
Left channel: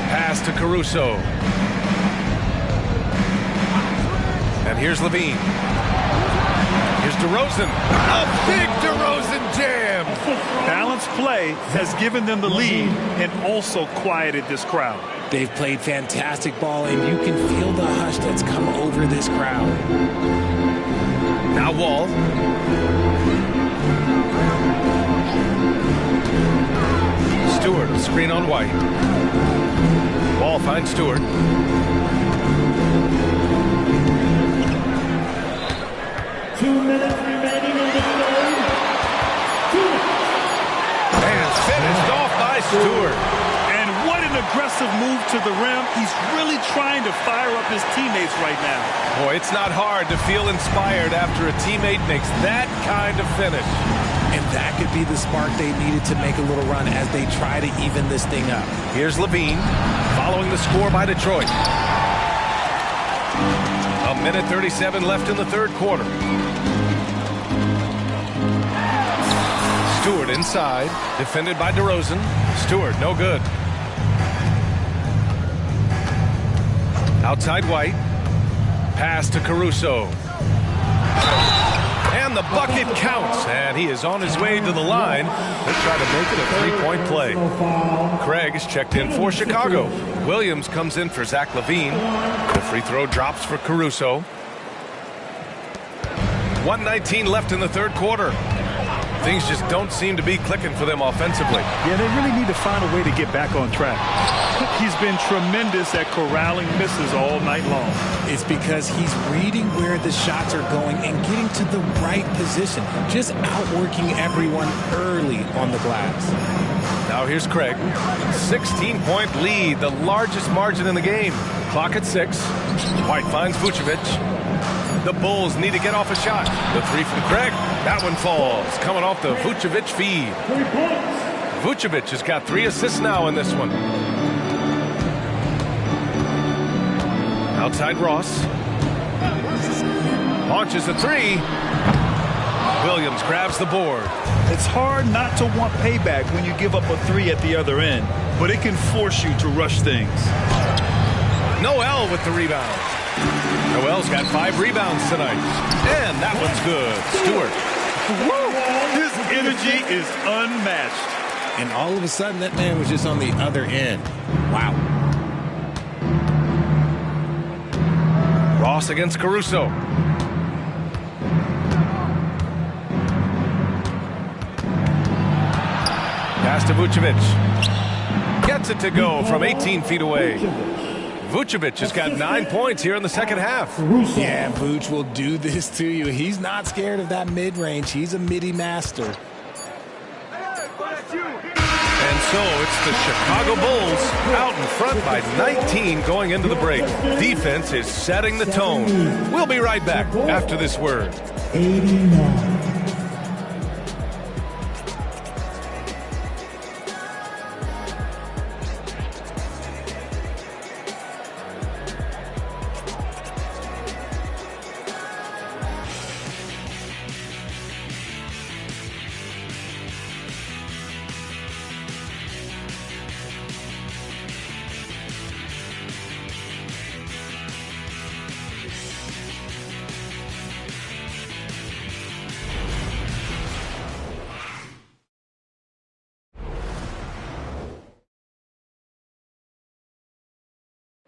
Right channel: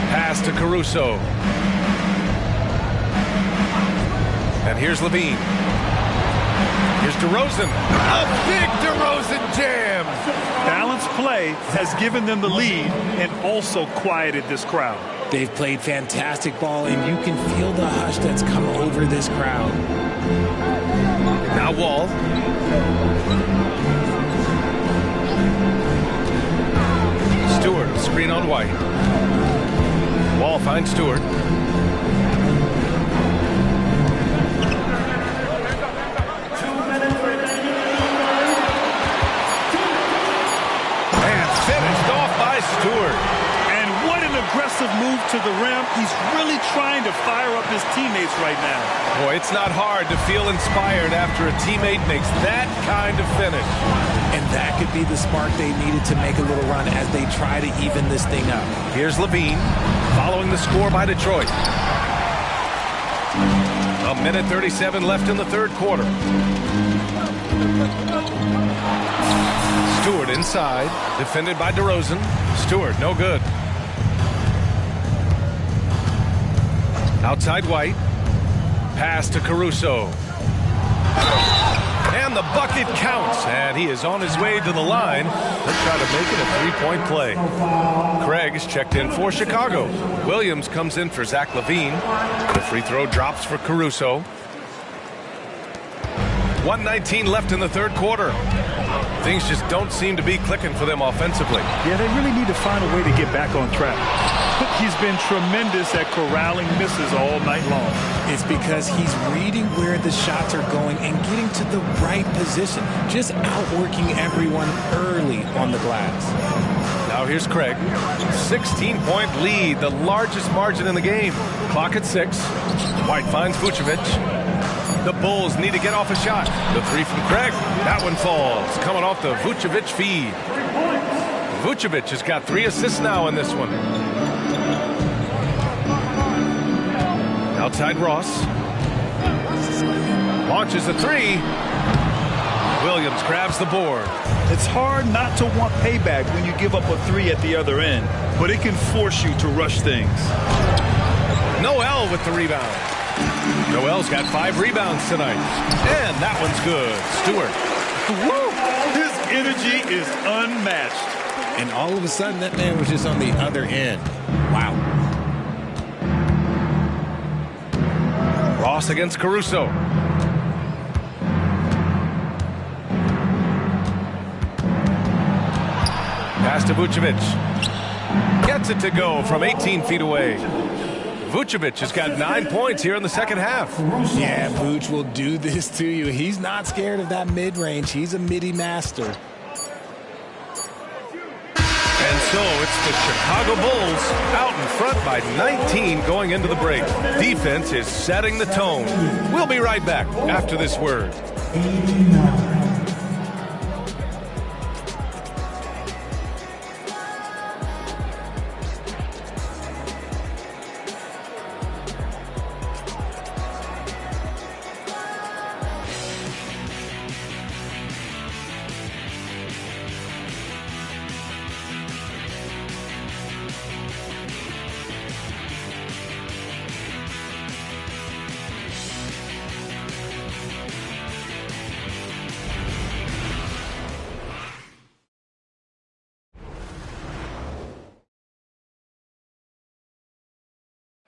Pass to Caruso. And here's LaVine. Here's DeRozan. A big DeRozan jam. Balanced play has given them the lead and also quieted this crowd. They've played fantastic ball, and you can feel the hush that's come over this crowd. Now Wall. Stewart, a screen on White. Wall finds Stewart. 2 minutes remaining in the third. And finished off by Stewart. And what an aggressive move to the rim. He's really trying to fire up his teammates right now. Boy, it's not hard to feel inspired after a teammate makes that kind of finish. And that could be the spark they needed to make a little run as they try to even this thing up. Here's LaVine following the score by Detroit. 1:37 left in the third quarter. Stewart inside, defended by DeRozan. Stewart, no good. Outside White. Pass to Caruso. And the bucket counts, and he is on his way to the line. Let's try to make it a 3-point play. Craig is checked in for Chicago. Williams comes in for Zach LaVine. The free throw drops for Caruso. 1:19 left in the third quarter. Things just don't seem to be clicking for them offensively. Yeah, they really need to find a way to get back on track. He's been tremendous at corralling misses all night long. It's because he's reading where the shots are going and getting to the right position, just outworking everyone early on the glass. Now here's Craig. 16-point lead, the largest margin in the game. Clock at 6. White finds Vucevic. The Bulls need to get off a shot. The three from Craig. That one falls. Coming off the Vucevic feed. Vucevic has got 3 assists now in this one. Outside Ross. Launches a 3. Williams grabs the board. It's hard not to want payback when you give up a 3 at the other end, but it can force you to rush things. Noel with the rebound. Noel's got 5 rebounds tonight. And that one's good. Stewart. Woo! His energy is unmatched. And all of a sudden, that man was just on the other end. Wow. Ross against Caruso. Pass to Vucevic. Gets it to go from 18 feet away. Vucevic has got 9 points here in the second half. Yeah, Vuce will do this to you. He's not scared of that mid-range. He's a midi master. And so it's the Chicago Bulls out in front by 19 going into the break. Defense is setting the tone. We'll be right back after this word. 89.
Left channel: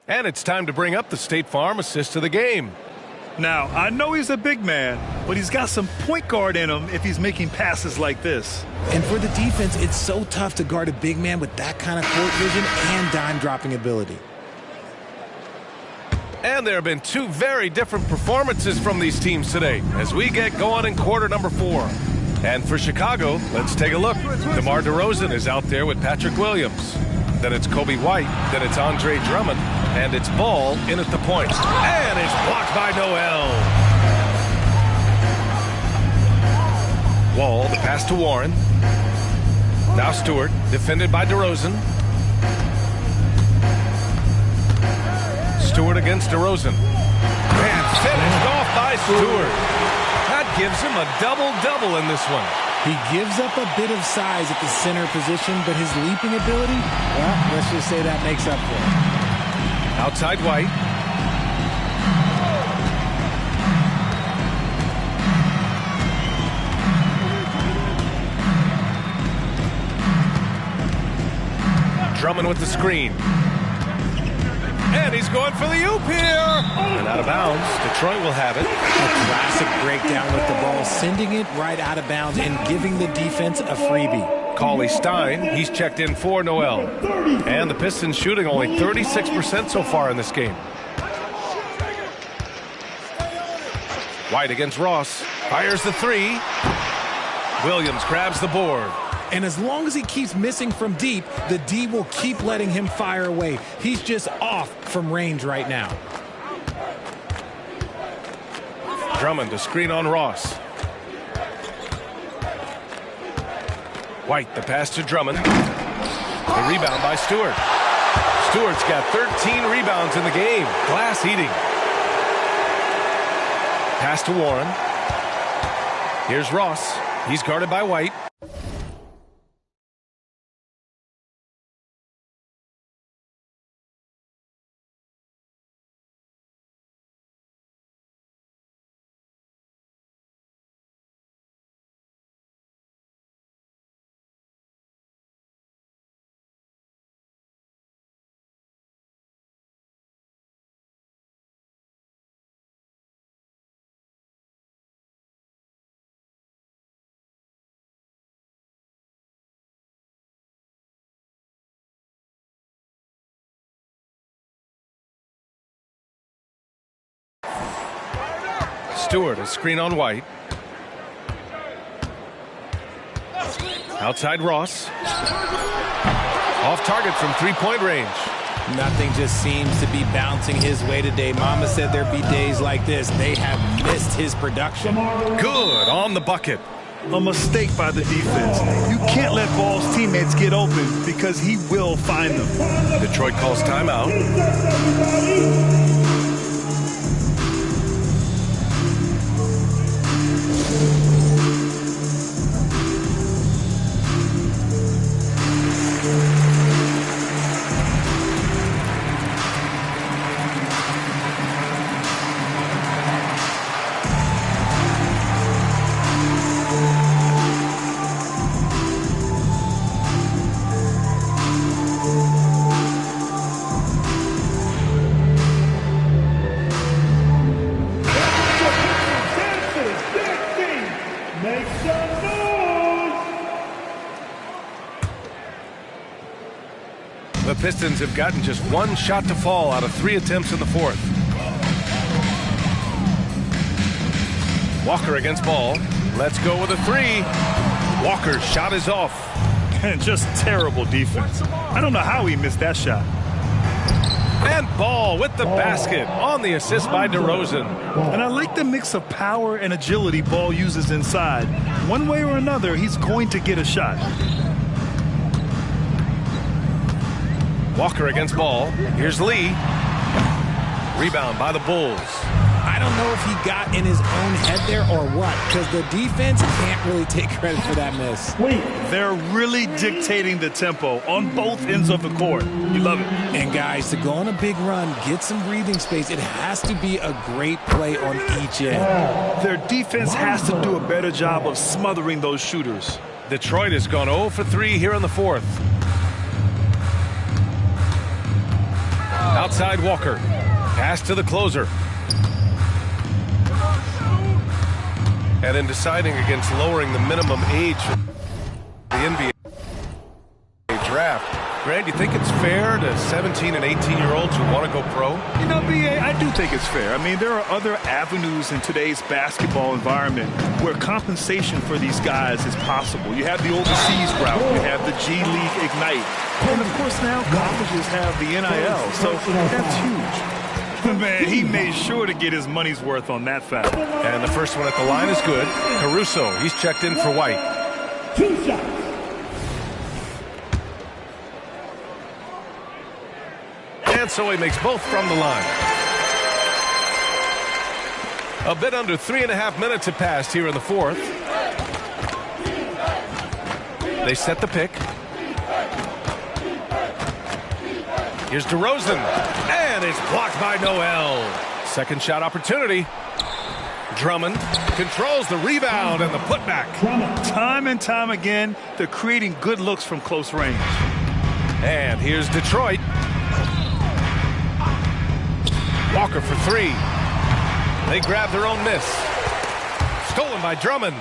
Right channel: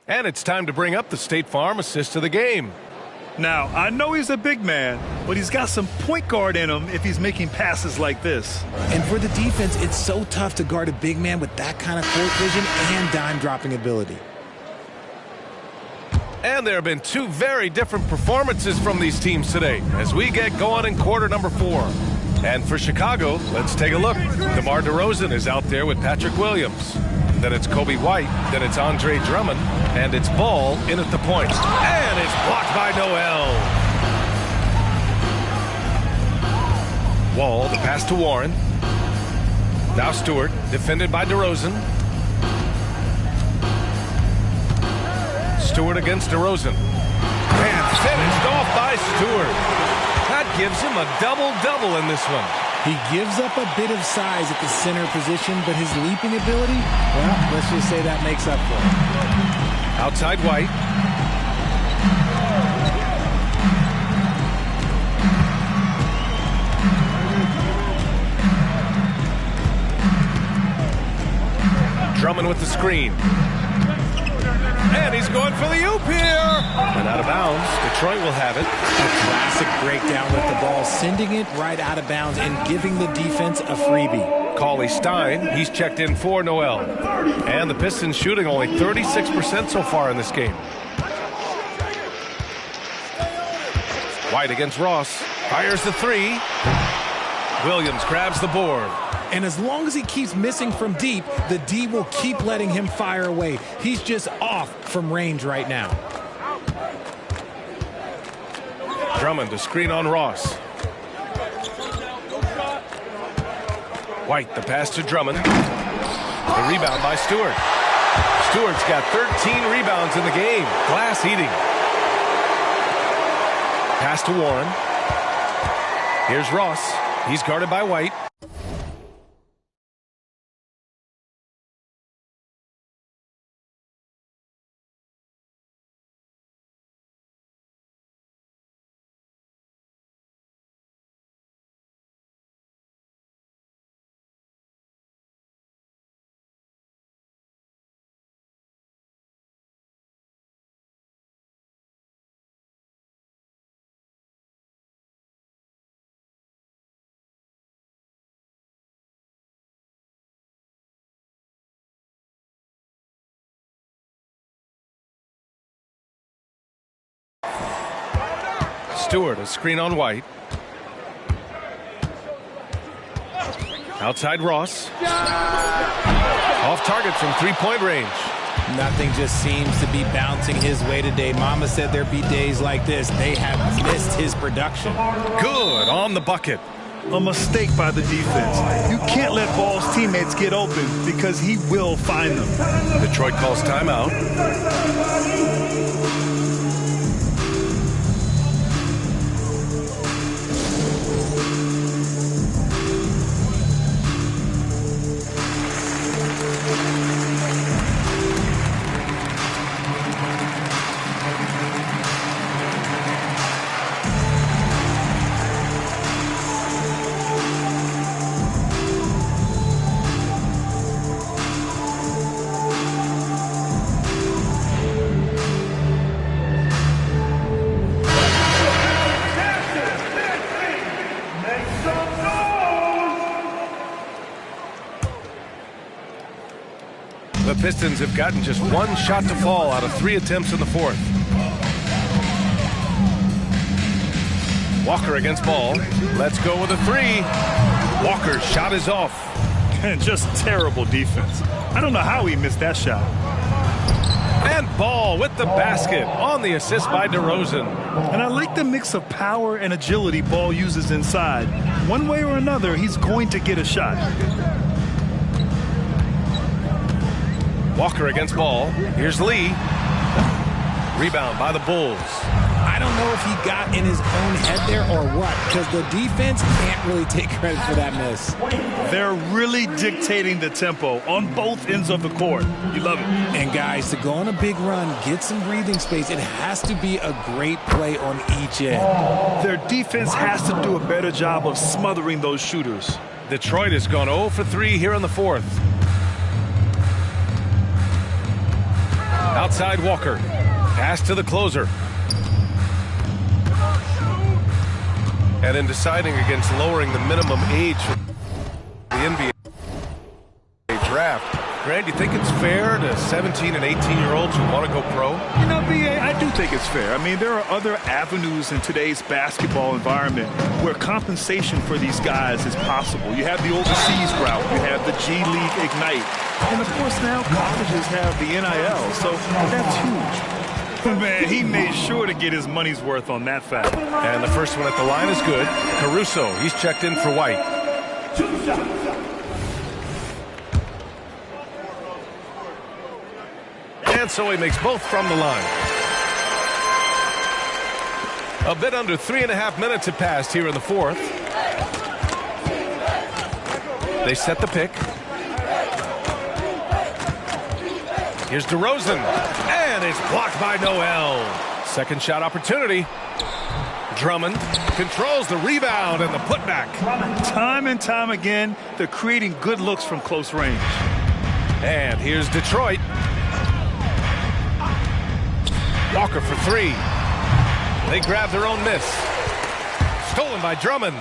And it's time to bring up the State Farm assist of the game. Now, I know he's a big man, but he's got some point guard in him if he's making passes like this. And for the defense, it's so tough to guard a big man with that kind of court vision and dime-dropping ability. And there have been 2 very different performances from these teams today as we get going in quarter number 4. And for Chicago, let's take a look. DeMar DeRozan is out there with Patrick Williams. Then it's Kobe White. Then it's Andre Drummond. And it's Ball in at the point. And it's blocked by Noel. Wall, the pass to Warren. Now Stewart, defended by DeRozan. Stewart against DeRozan. And finished off by Stewart. That gives him a double-double in this one. He gives up a bit of size at the center position, but his leaping ability, well, let's just say that makes up for it. Outside White. Drummond with the screen. And he's going for the oop here. And out of bounds. Detroit will have it. A classic breakdown with the ball, sending it right out of bounds and giving the defense a freebie. Cauley Stein, he's checked in for Noel. And the Pistons shooting only 36% so far in this game. White against Ross. Fires the 3. Williams grabs the board. And as long as he keeps missing from deep, the D will keep letting him fire away. He's just off from range right now. Drummond to screen on Ross. White, the pass to Drummond. The rebound by Stewart. Stewart's got 13 rebounds in the game. Glass eating. Pass to Warren. Here's Ross. He's guarded by White. Stewart, a screen on White. Outside Ross. Off target from 3-point range. Nothing just seems to be bouncing his way today. Mama said there'd be days like this. They have missed his production. Good on the bucket. A mistake by the defense. You can't let Ball's teammates get open because he will find them. Detroit calls timeout. The Pistons have gotten just one shot to fall out of 3 attempts in the fourth. Walker against Ball. Let's go with a 3. Walker's shot is off. And just terrible defense. I don't know how he missed that shot. And Ball with the basket on the assist by DeRozan. And I like the mix of power and agility Ball uses inside. One way or another, he's going to get a shot. Walker against Ball. Here's Lee. Rebound by the Bulls. I don't know if he got in his own head there or what, because the defense can't really take credit for that miss. They're really dictating the tempo on both ends of the court. You love it. And guys, to go on a big run, get some breathing space, it has to be a great play on each end. Their defense has to do a better job of smothering those shooters. Detroit has gone 0 for 3 here in the fourth. Outside Walker. Pass to the closer. And in deciding against lowering the minimum age for the NBA draft, Grant, you think it's fair to 17 and 18-year-olds who want to go pro? You know, B.A., I do think it's fair. I mean, there are other avenues in today's basketball environment where compensation for these guys is possible. You have the overseas route. You have the G League Ignite. And, of course, now colleges have the NIL, so that's huge. Man, he made sure to get his money's worth on that fact. And the first one at the line is good. Caruso, he's checked in for White. 2 shots. And so he makes both from the line. A bit under 3.5 minutes have passed here in the fourth. They set the pick. Here's DeRozan, and it's blocked by Noel. Second shot opportunity. Drummond controls the rebound and the putback. Time and time again, they're creating good looks from close range. And here's Detroit. Walker for 3. They grab their own miss. Stolen by Drummond.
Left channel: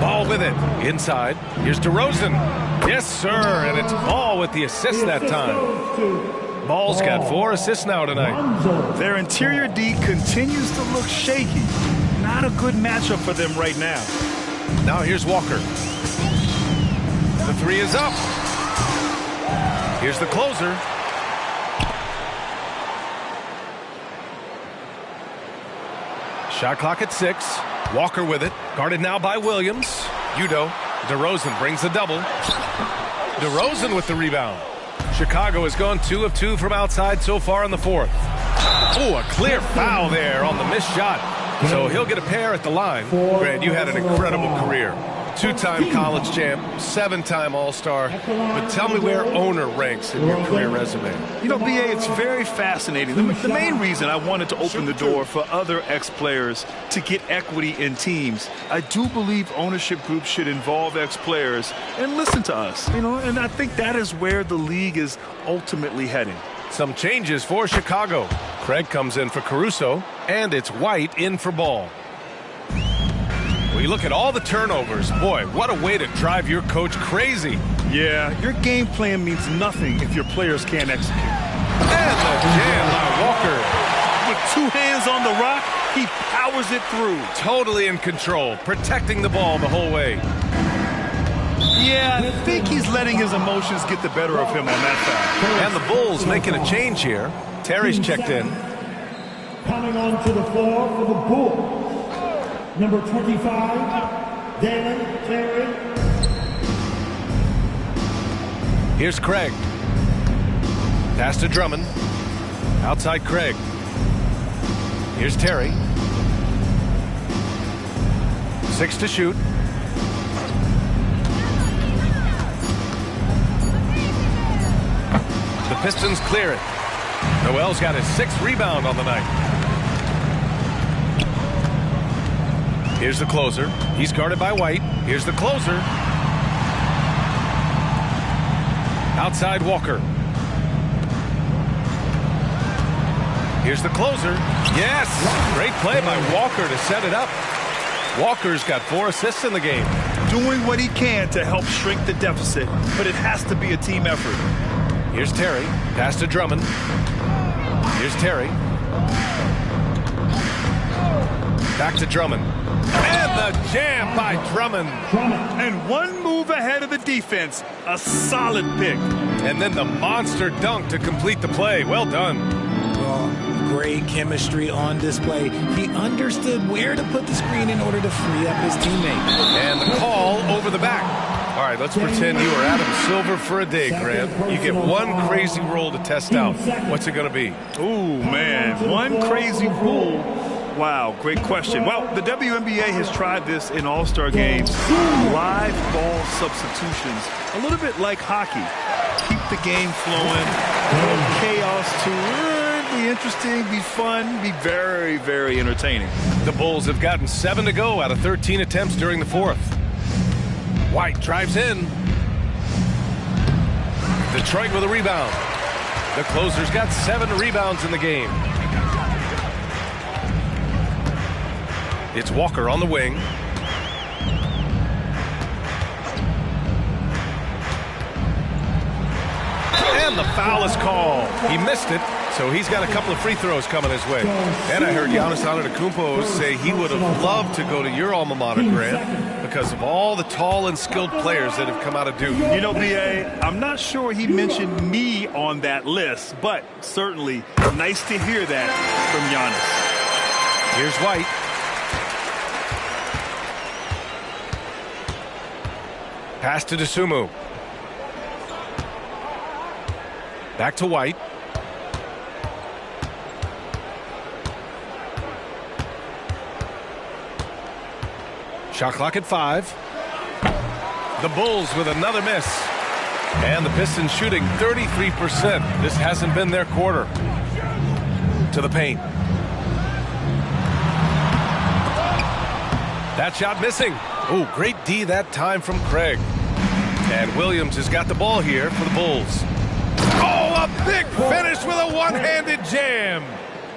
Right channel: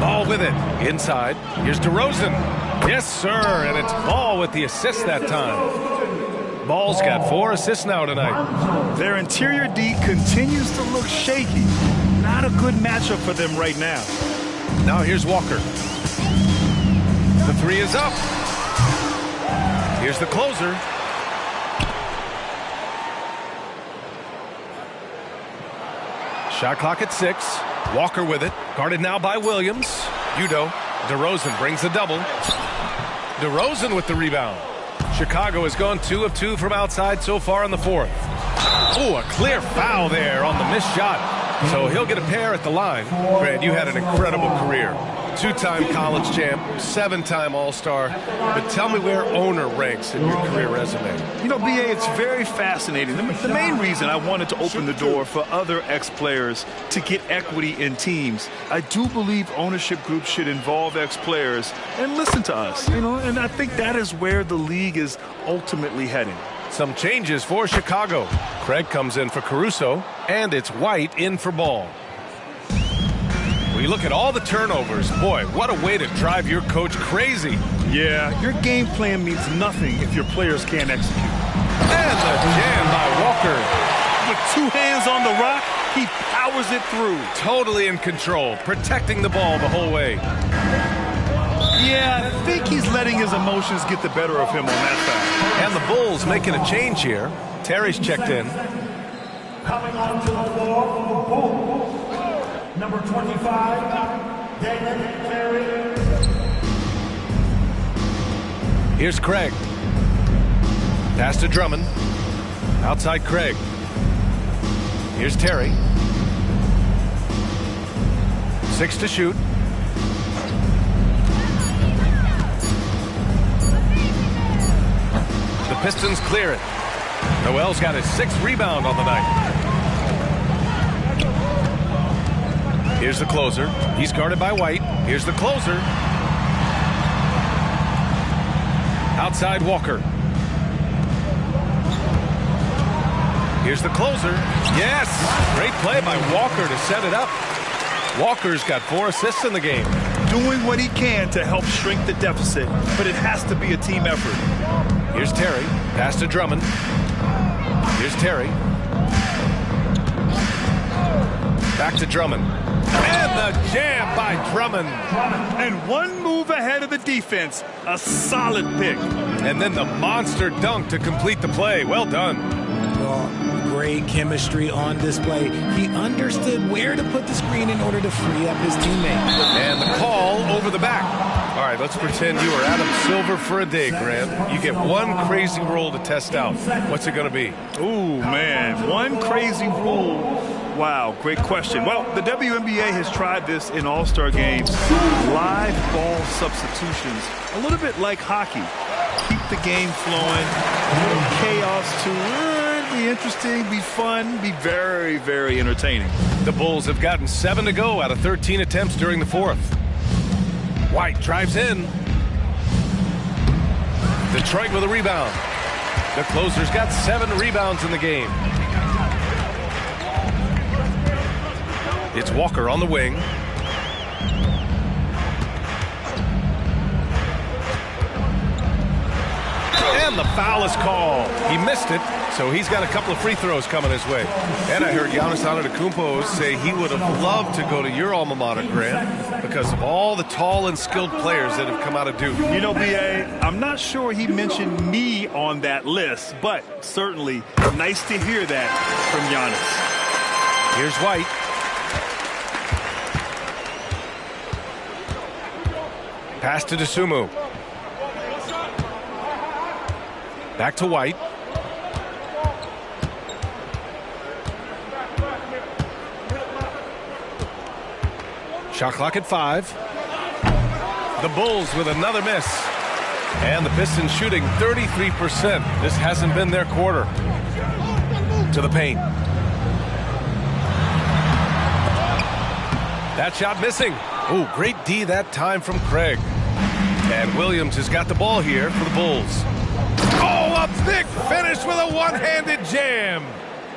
Ball with it. Inside. Here's DeRozan. Yes, sir, and it's Ball with the assist that time. Ball's got 4 assists now tonight. Their interior D continues to look shaky. Not a good matchup for them right now. Now here's Walker. The 3 is up. Here's the closer. Shot clock at 6. Walker with it. Guarded now by Williams. Udo. DeRozan brings the double. DeRozan with the rebound. Chicago has gone 2 of 2 from outside so far in the fourth. Oh, a clear foul there on the missed shot. So he'll get a pair at the line. Grant, you had an incredible career. 2-time college champ, 7-time All-Star. But tell me where owner ranks in your career resume. You know, B.A., it's very fascinating. The main reason I wanted to open the door for other ex-players to get equity in teams, I do believe ownership groups should involve ex-players and listen to us. You know, and I think that is where the league is ultimately heading. Some changes for Chicago. Craig comes in for Caruso, and it's White in for Ball. We look at all the turnovers. Boy, what a way to drive your coach crazy. Yeah, your game plan means nothing if your players can't execute. And the jam by Walker. With 2 hands on the rock, he powers it through. Totally in control, protecting the ball the whole way. Yeah, I think he's letting his emotions get the better of him on that foul. And the Bulls making a change here. Terry's checked in. Coming onto the floor for the Bulls, number 25, David Terry. Here's Craig. Pass to Drummond. Outside Craig. Here's Terry. 6 to shoot. The Pistons clear it. Noel's got his 6th rebound on the night. Here's the closer. He's guarded by White. Here's the closer. Outside Walker. Here's the closer. Yes! Great play by Walker to set it up. Walker's got 4 assists in the game. Doing what he can to help shrink the deficit, but it has to be a team effort. Here's Terry. Pass to Drummond. Here's Terry. Back to Drummond. And the jam by Drummond. And one move ahead of the defense. A solid pick. And then the monster dunk to complete the play. Well done. Great chemistry on display. He understood where to put the screen in order to free up his teammate. And the call over the back. All right, let's pretend you are Adam Silver for a day, Grant. You get one crazy rule to test out. What's it going to be? Ooh, man, one crazy rule. Wow, great question. Well, the WNBA has tried this in all-star games. Live ball substitutions, a little bit like hockey. Keep the game flowing. A little chaos to be interesting, be fun, be very, very entertaining. The Bulls have gotten 7 to go out of 13 attempts during the 4th. White drives in. Detroit with a rebound. The closer's got 7 rebounds in the game. It's Walker on the wing. And the foul is called. He missed it, so he's got a couple of free throws coming his way. And I heard Giannis Antetokounmpo say he would have loved to go to your alma mater, Grant, because of all the tall and skilled players that have come out of Duke. You know, B.A., I'm not sure he mentioned me on that list, but certainly nice to hear that from Giannis. Here's White. Pass to Dosunmu. Back to White. Shot clock at 5. The Bulls with another miss. And the Pistons shooting 33%. This hasn't been their quarter. To the paint. That shot missing. Oh, great D that time from Craig. And Williams has got the ball here for the Bulls. Oh, a big finish with a one-handed jam.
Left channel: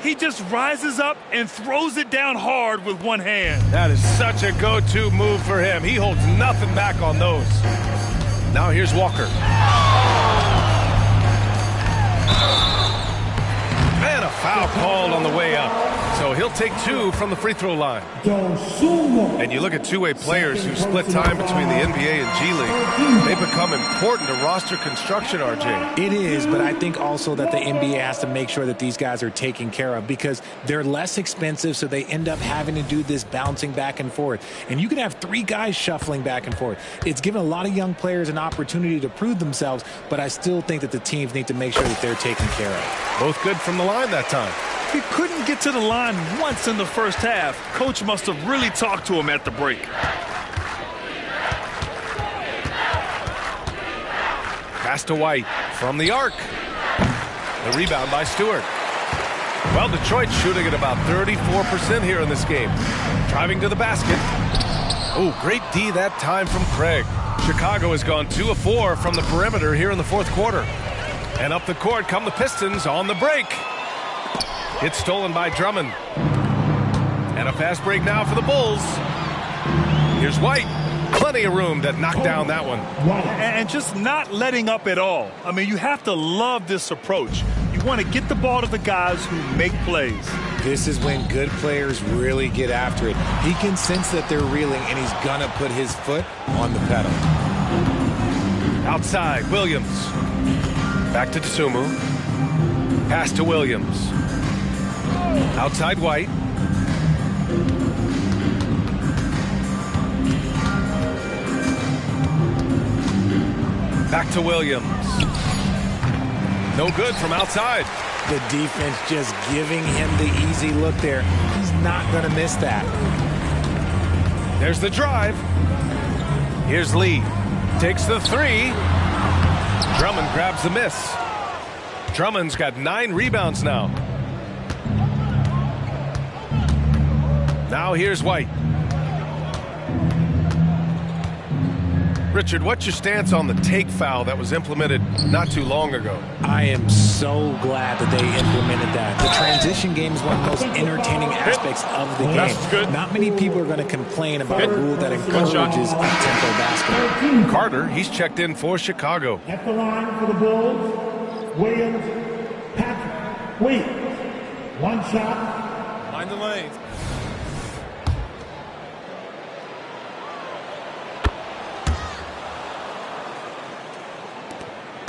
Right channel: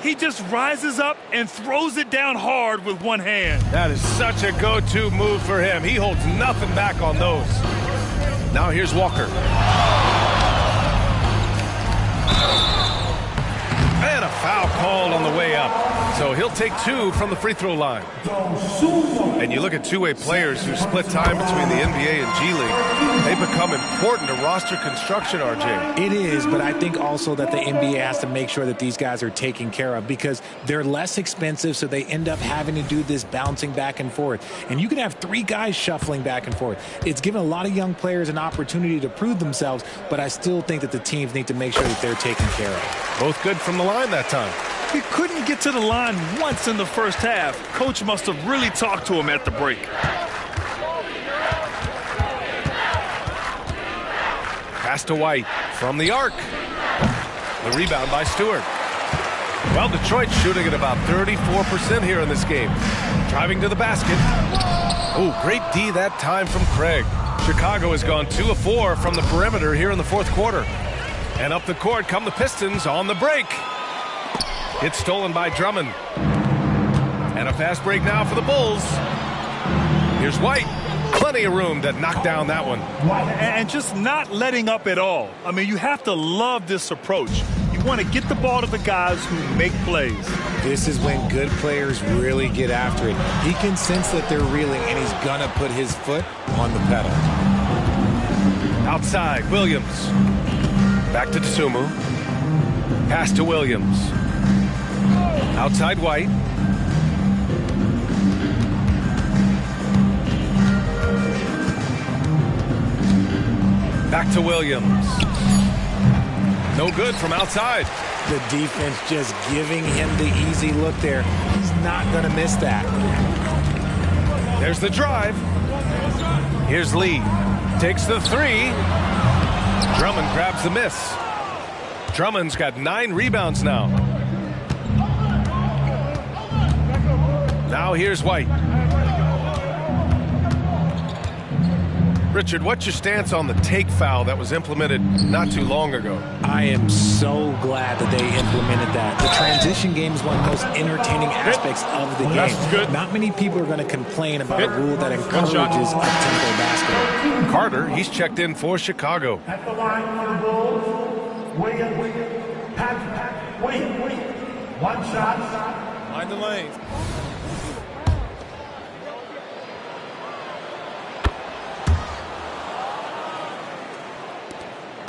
He just rises up and throws it down hard with one hand. That is such a go-to move for him. He holds nothing back on those. Now here's Walker. And a foul called on the way up. So he'll take 2 from the free throw line. And you look at two-way players who split time between the NBA and G League. They become important to roster construction, RJ. It is, but I think also that the NBA has to make sure that these guys are taken care of because they're less expensive, so they end up having to do this bouncing back and forth. And you can have 3 guys shuffling back and forth. It's given a lot of young players an opportunity to prove themselves, but I still think that the teams need to make sure that they're taken care of. Both good from the line that time. He couldn't get to the line once in the first half. Coach must have really talked to him at the break. Pass to White from the arc. The rebound by Stewart. Well, Detroit shooting at about 34% here in this game. Driving to the basket. Oh, great D that time from Craig. Chicago has gone 2 of 4 from the perimeter here in the fourth quarter. And up the court come the Pistons on the break. It's stolen by Drummond. And a fast break now for the Bulls. Here's White. Plenty of room to knock down that one. And just not letting up at all. I mean, you have to love this approach. You want to get the ball to the guys who make plays. This is when good players really get after it. He can sense that they're reeling, and he's going to put his foot on the pedal. Outside, Williams. Back to Dosunmu. Pass to Williams. Outside White. Back to Williams. No good from outside. The defense just giving him the easy look there. He's not going to miss that. There's the drive. Here's Lee. Takes the three. Drummond grabs the miss. Drummond's got 9 rebounds now. Now here's White. Richard, what's your stance on the take foul that was implemented not too long ago? I am so glad that they implemented that. The transition game is one of the most entertaining aspects of the game. That's good. Not many people are going to complain about a rule that encourages up-tempo basketball. Carter, he's checked in for Chicago. At the line for the Bulls, Williams, Patrick, Williams. 1 shot. Mind the lanes.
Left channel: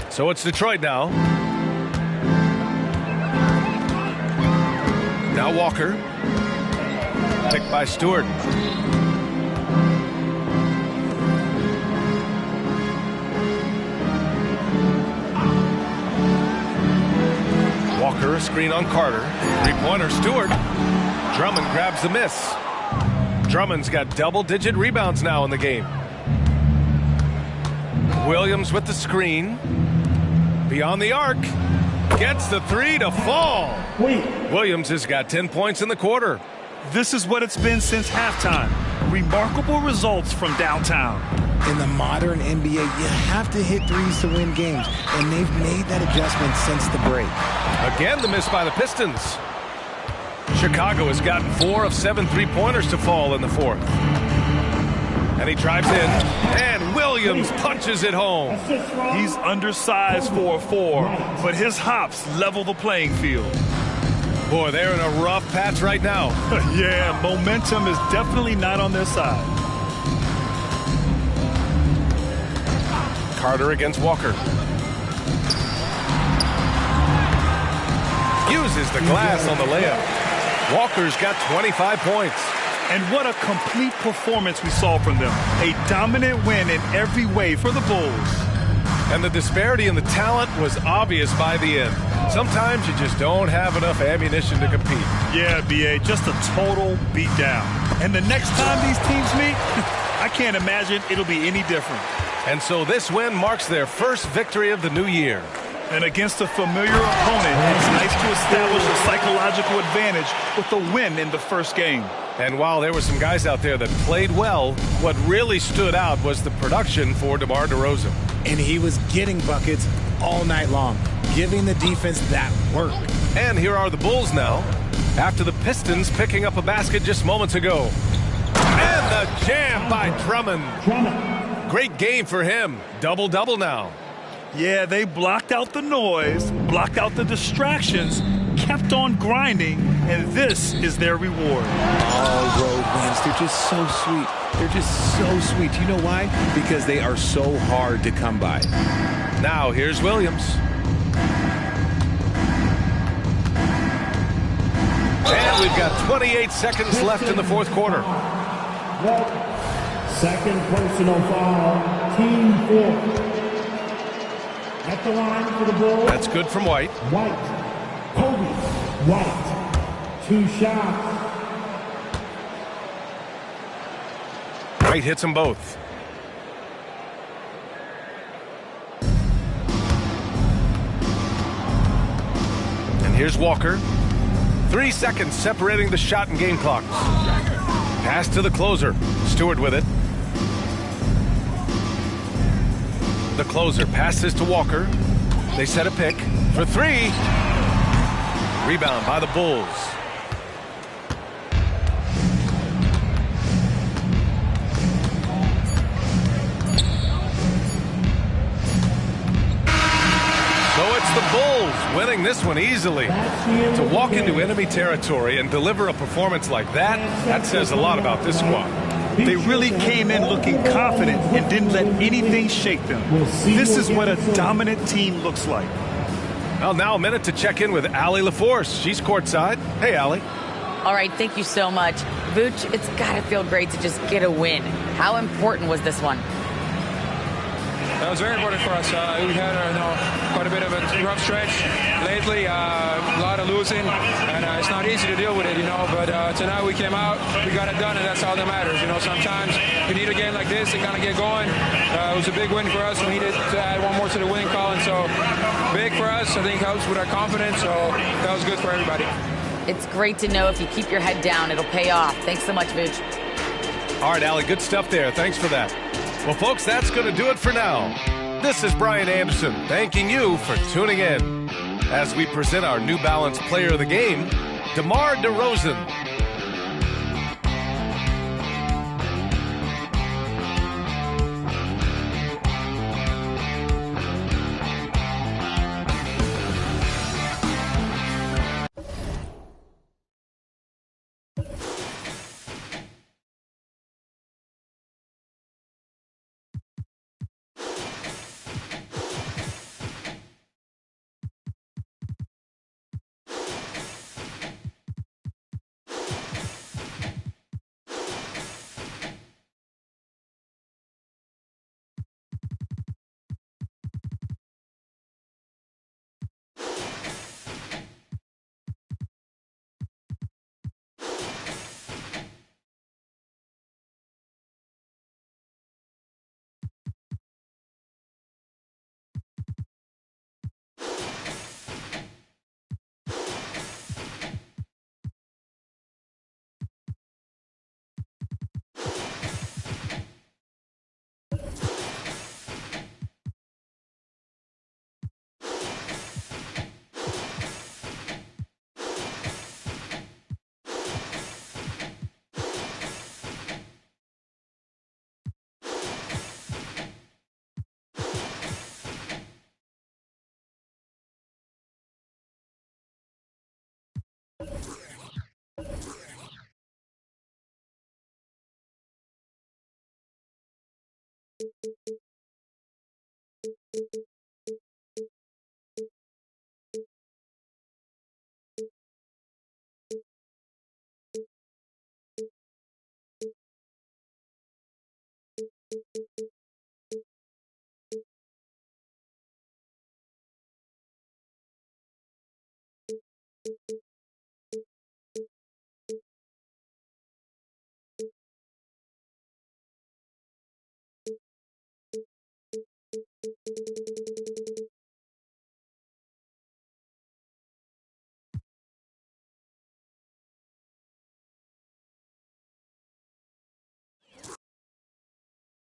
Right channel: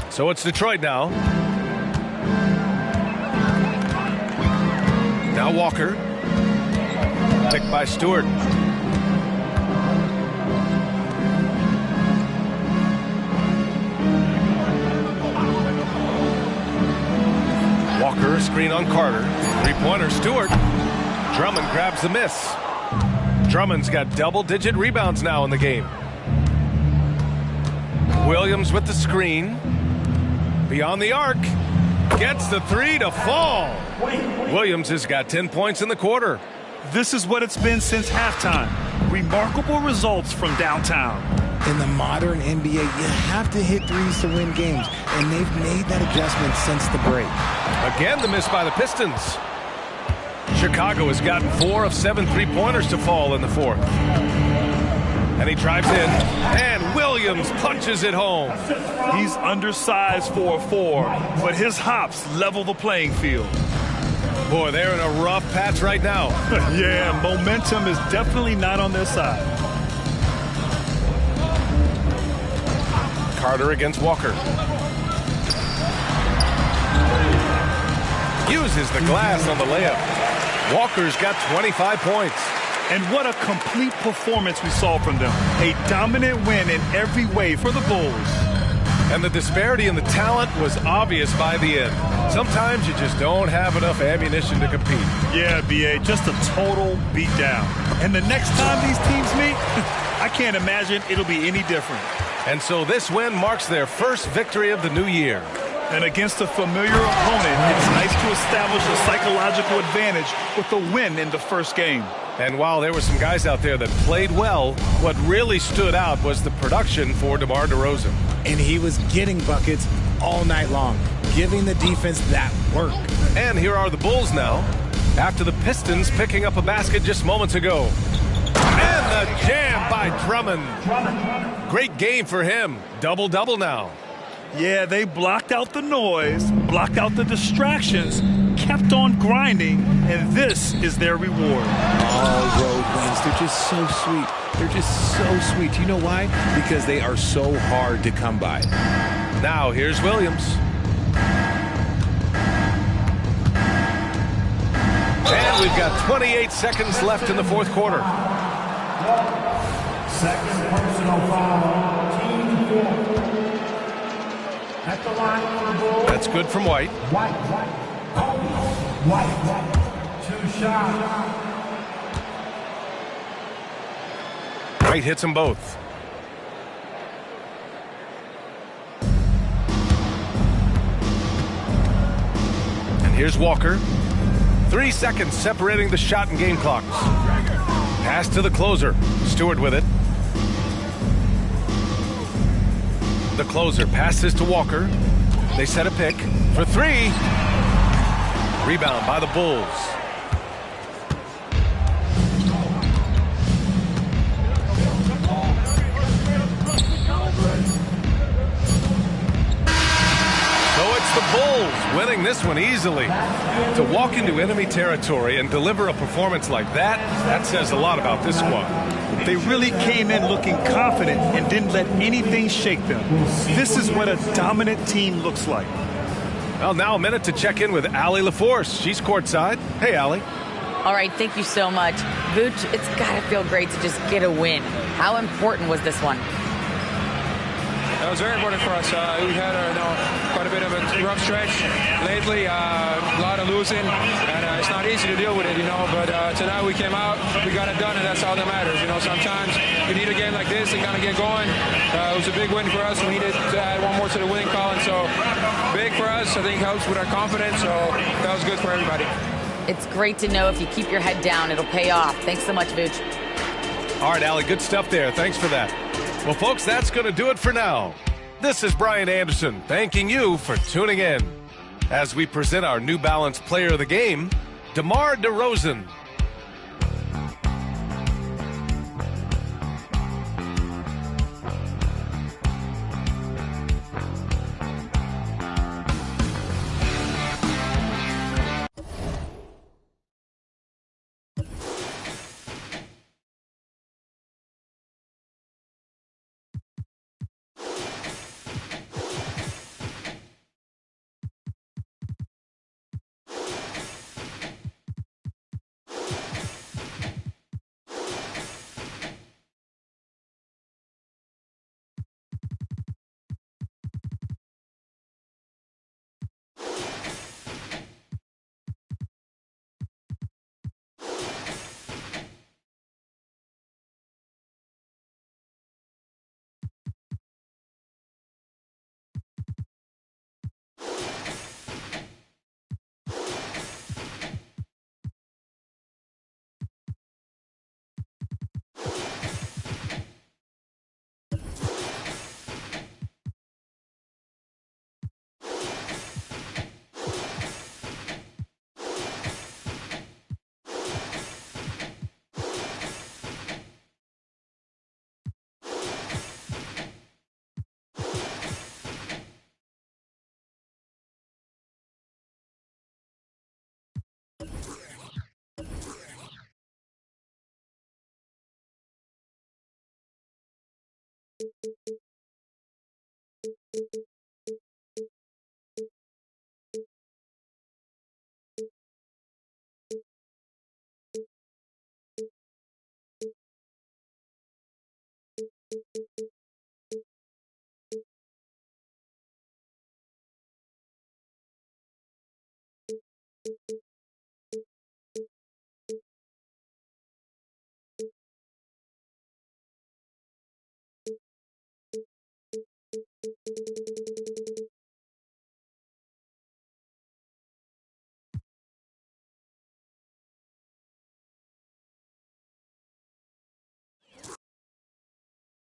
So it's Detroit now. Now Walker. Picked by Stewart. Walker, a screen on Carter. 3-pointer, Stewart. Drummond grabs the miss. Drummond's got double-digit rebounds now in the game. Williams with the screen. Beyond the arc. Gets the three to fall. Williams has got 10 points in the quarter. This is what it's been since halftime. Remarkable results from downtown. In the modern NBA, you have to hit threes to win games, and they've made that adjustment since the break. Again, the miss by the Pistons. Chicago has gotten 4 of 7 3-pointers to fall in the fourth. And he drives in, and Williams punches it home. He's undersized for a 4, but his hops level the playing field. Boy, they're in a rough patch right now. Yeah, momentum is definitely not on their side. Carter against Walker. Uses the glass on the layup. Walker's got 25 points. And what a complete performance we saw from them. A dominant win in every way for the Bulls. And the disparity in the talent was obvious by the end. Sometimes you just don't have enough ammunition to compete. Yeah, B.A., just a total beatdown. And the next time these teams meet, I can't imagine it'll be any different. And so this win marks their first victory of the new year. And against a familiar opponent, it's nice to establish a psychological advantage with a win in the first game. And while there were some guys out there that played well, what really stood out was the production for DeMar DeRozan. And he was getting buckets all night long, giving the defense that work. And here are the Bulls now, after the Pistons picking up a basket just moments ago. And the jam by Drummond. Great game for him. Double-double now. Yeah, they blocked out the noise, blocked out the distractions, kept on grinding, and this is their reward. All road wins. They're just so sweet. They're just so sweet. You know why? Because they are so hard to come by. Now here's Williams. And we've got 28 seconds left in the fourth quarter. Second personal foul, team 4. At the line for the Bulls. That's good from White. Kobe White. 2 shots. White hits them both. And here's Walker. 3 seconds separating the shot and game clocks. Pass to the closer. Stewart with it. The closer passes to Walker. They set a pick for 3. Rebound by the Bulls. So it's the Bulls winning this one easily. To walk into enemy territory and deliver a performance like that, that says a lot about this squad. They really came in looking confident and didn't let anything shake them. This is what a dominant team looks like. Well, now a minute to check in with Allie LaForce. She's courtside. Hey, Allie. All right, thank you so much. Vooch, it's got to feel great to just get a win. How important was this one? That was very important for us. We had quite a bit of a rough stretch lately, a lot of losing, and it's not easy to deal with it, But tonight we came out, we got it done, and that's all that matters. Sometimes you need a game like this to kind of get going. It was a big win for us. We needed to add one more to the winning column, so big for us. I think helps with our confidence, so that was good for everybody. It's great to know if you keep your head down, it'll pay off. Thanks so much, Vooch. All right, Allie, good stuff there. Thanks for that. Well, folks, that's going to do it for now. This is Brian Anderson thanking you for tuning in as we present our New Balance Player of the Game, DeMar DeRozan.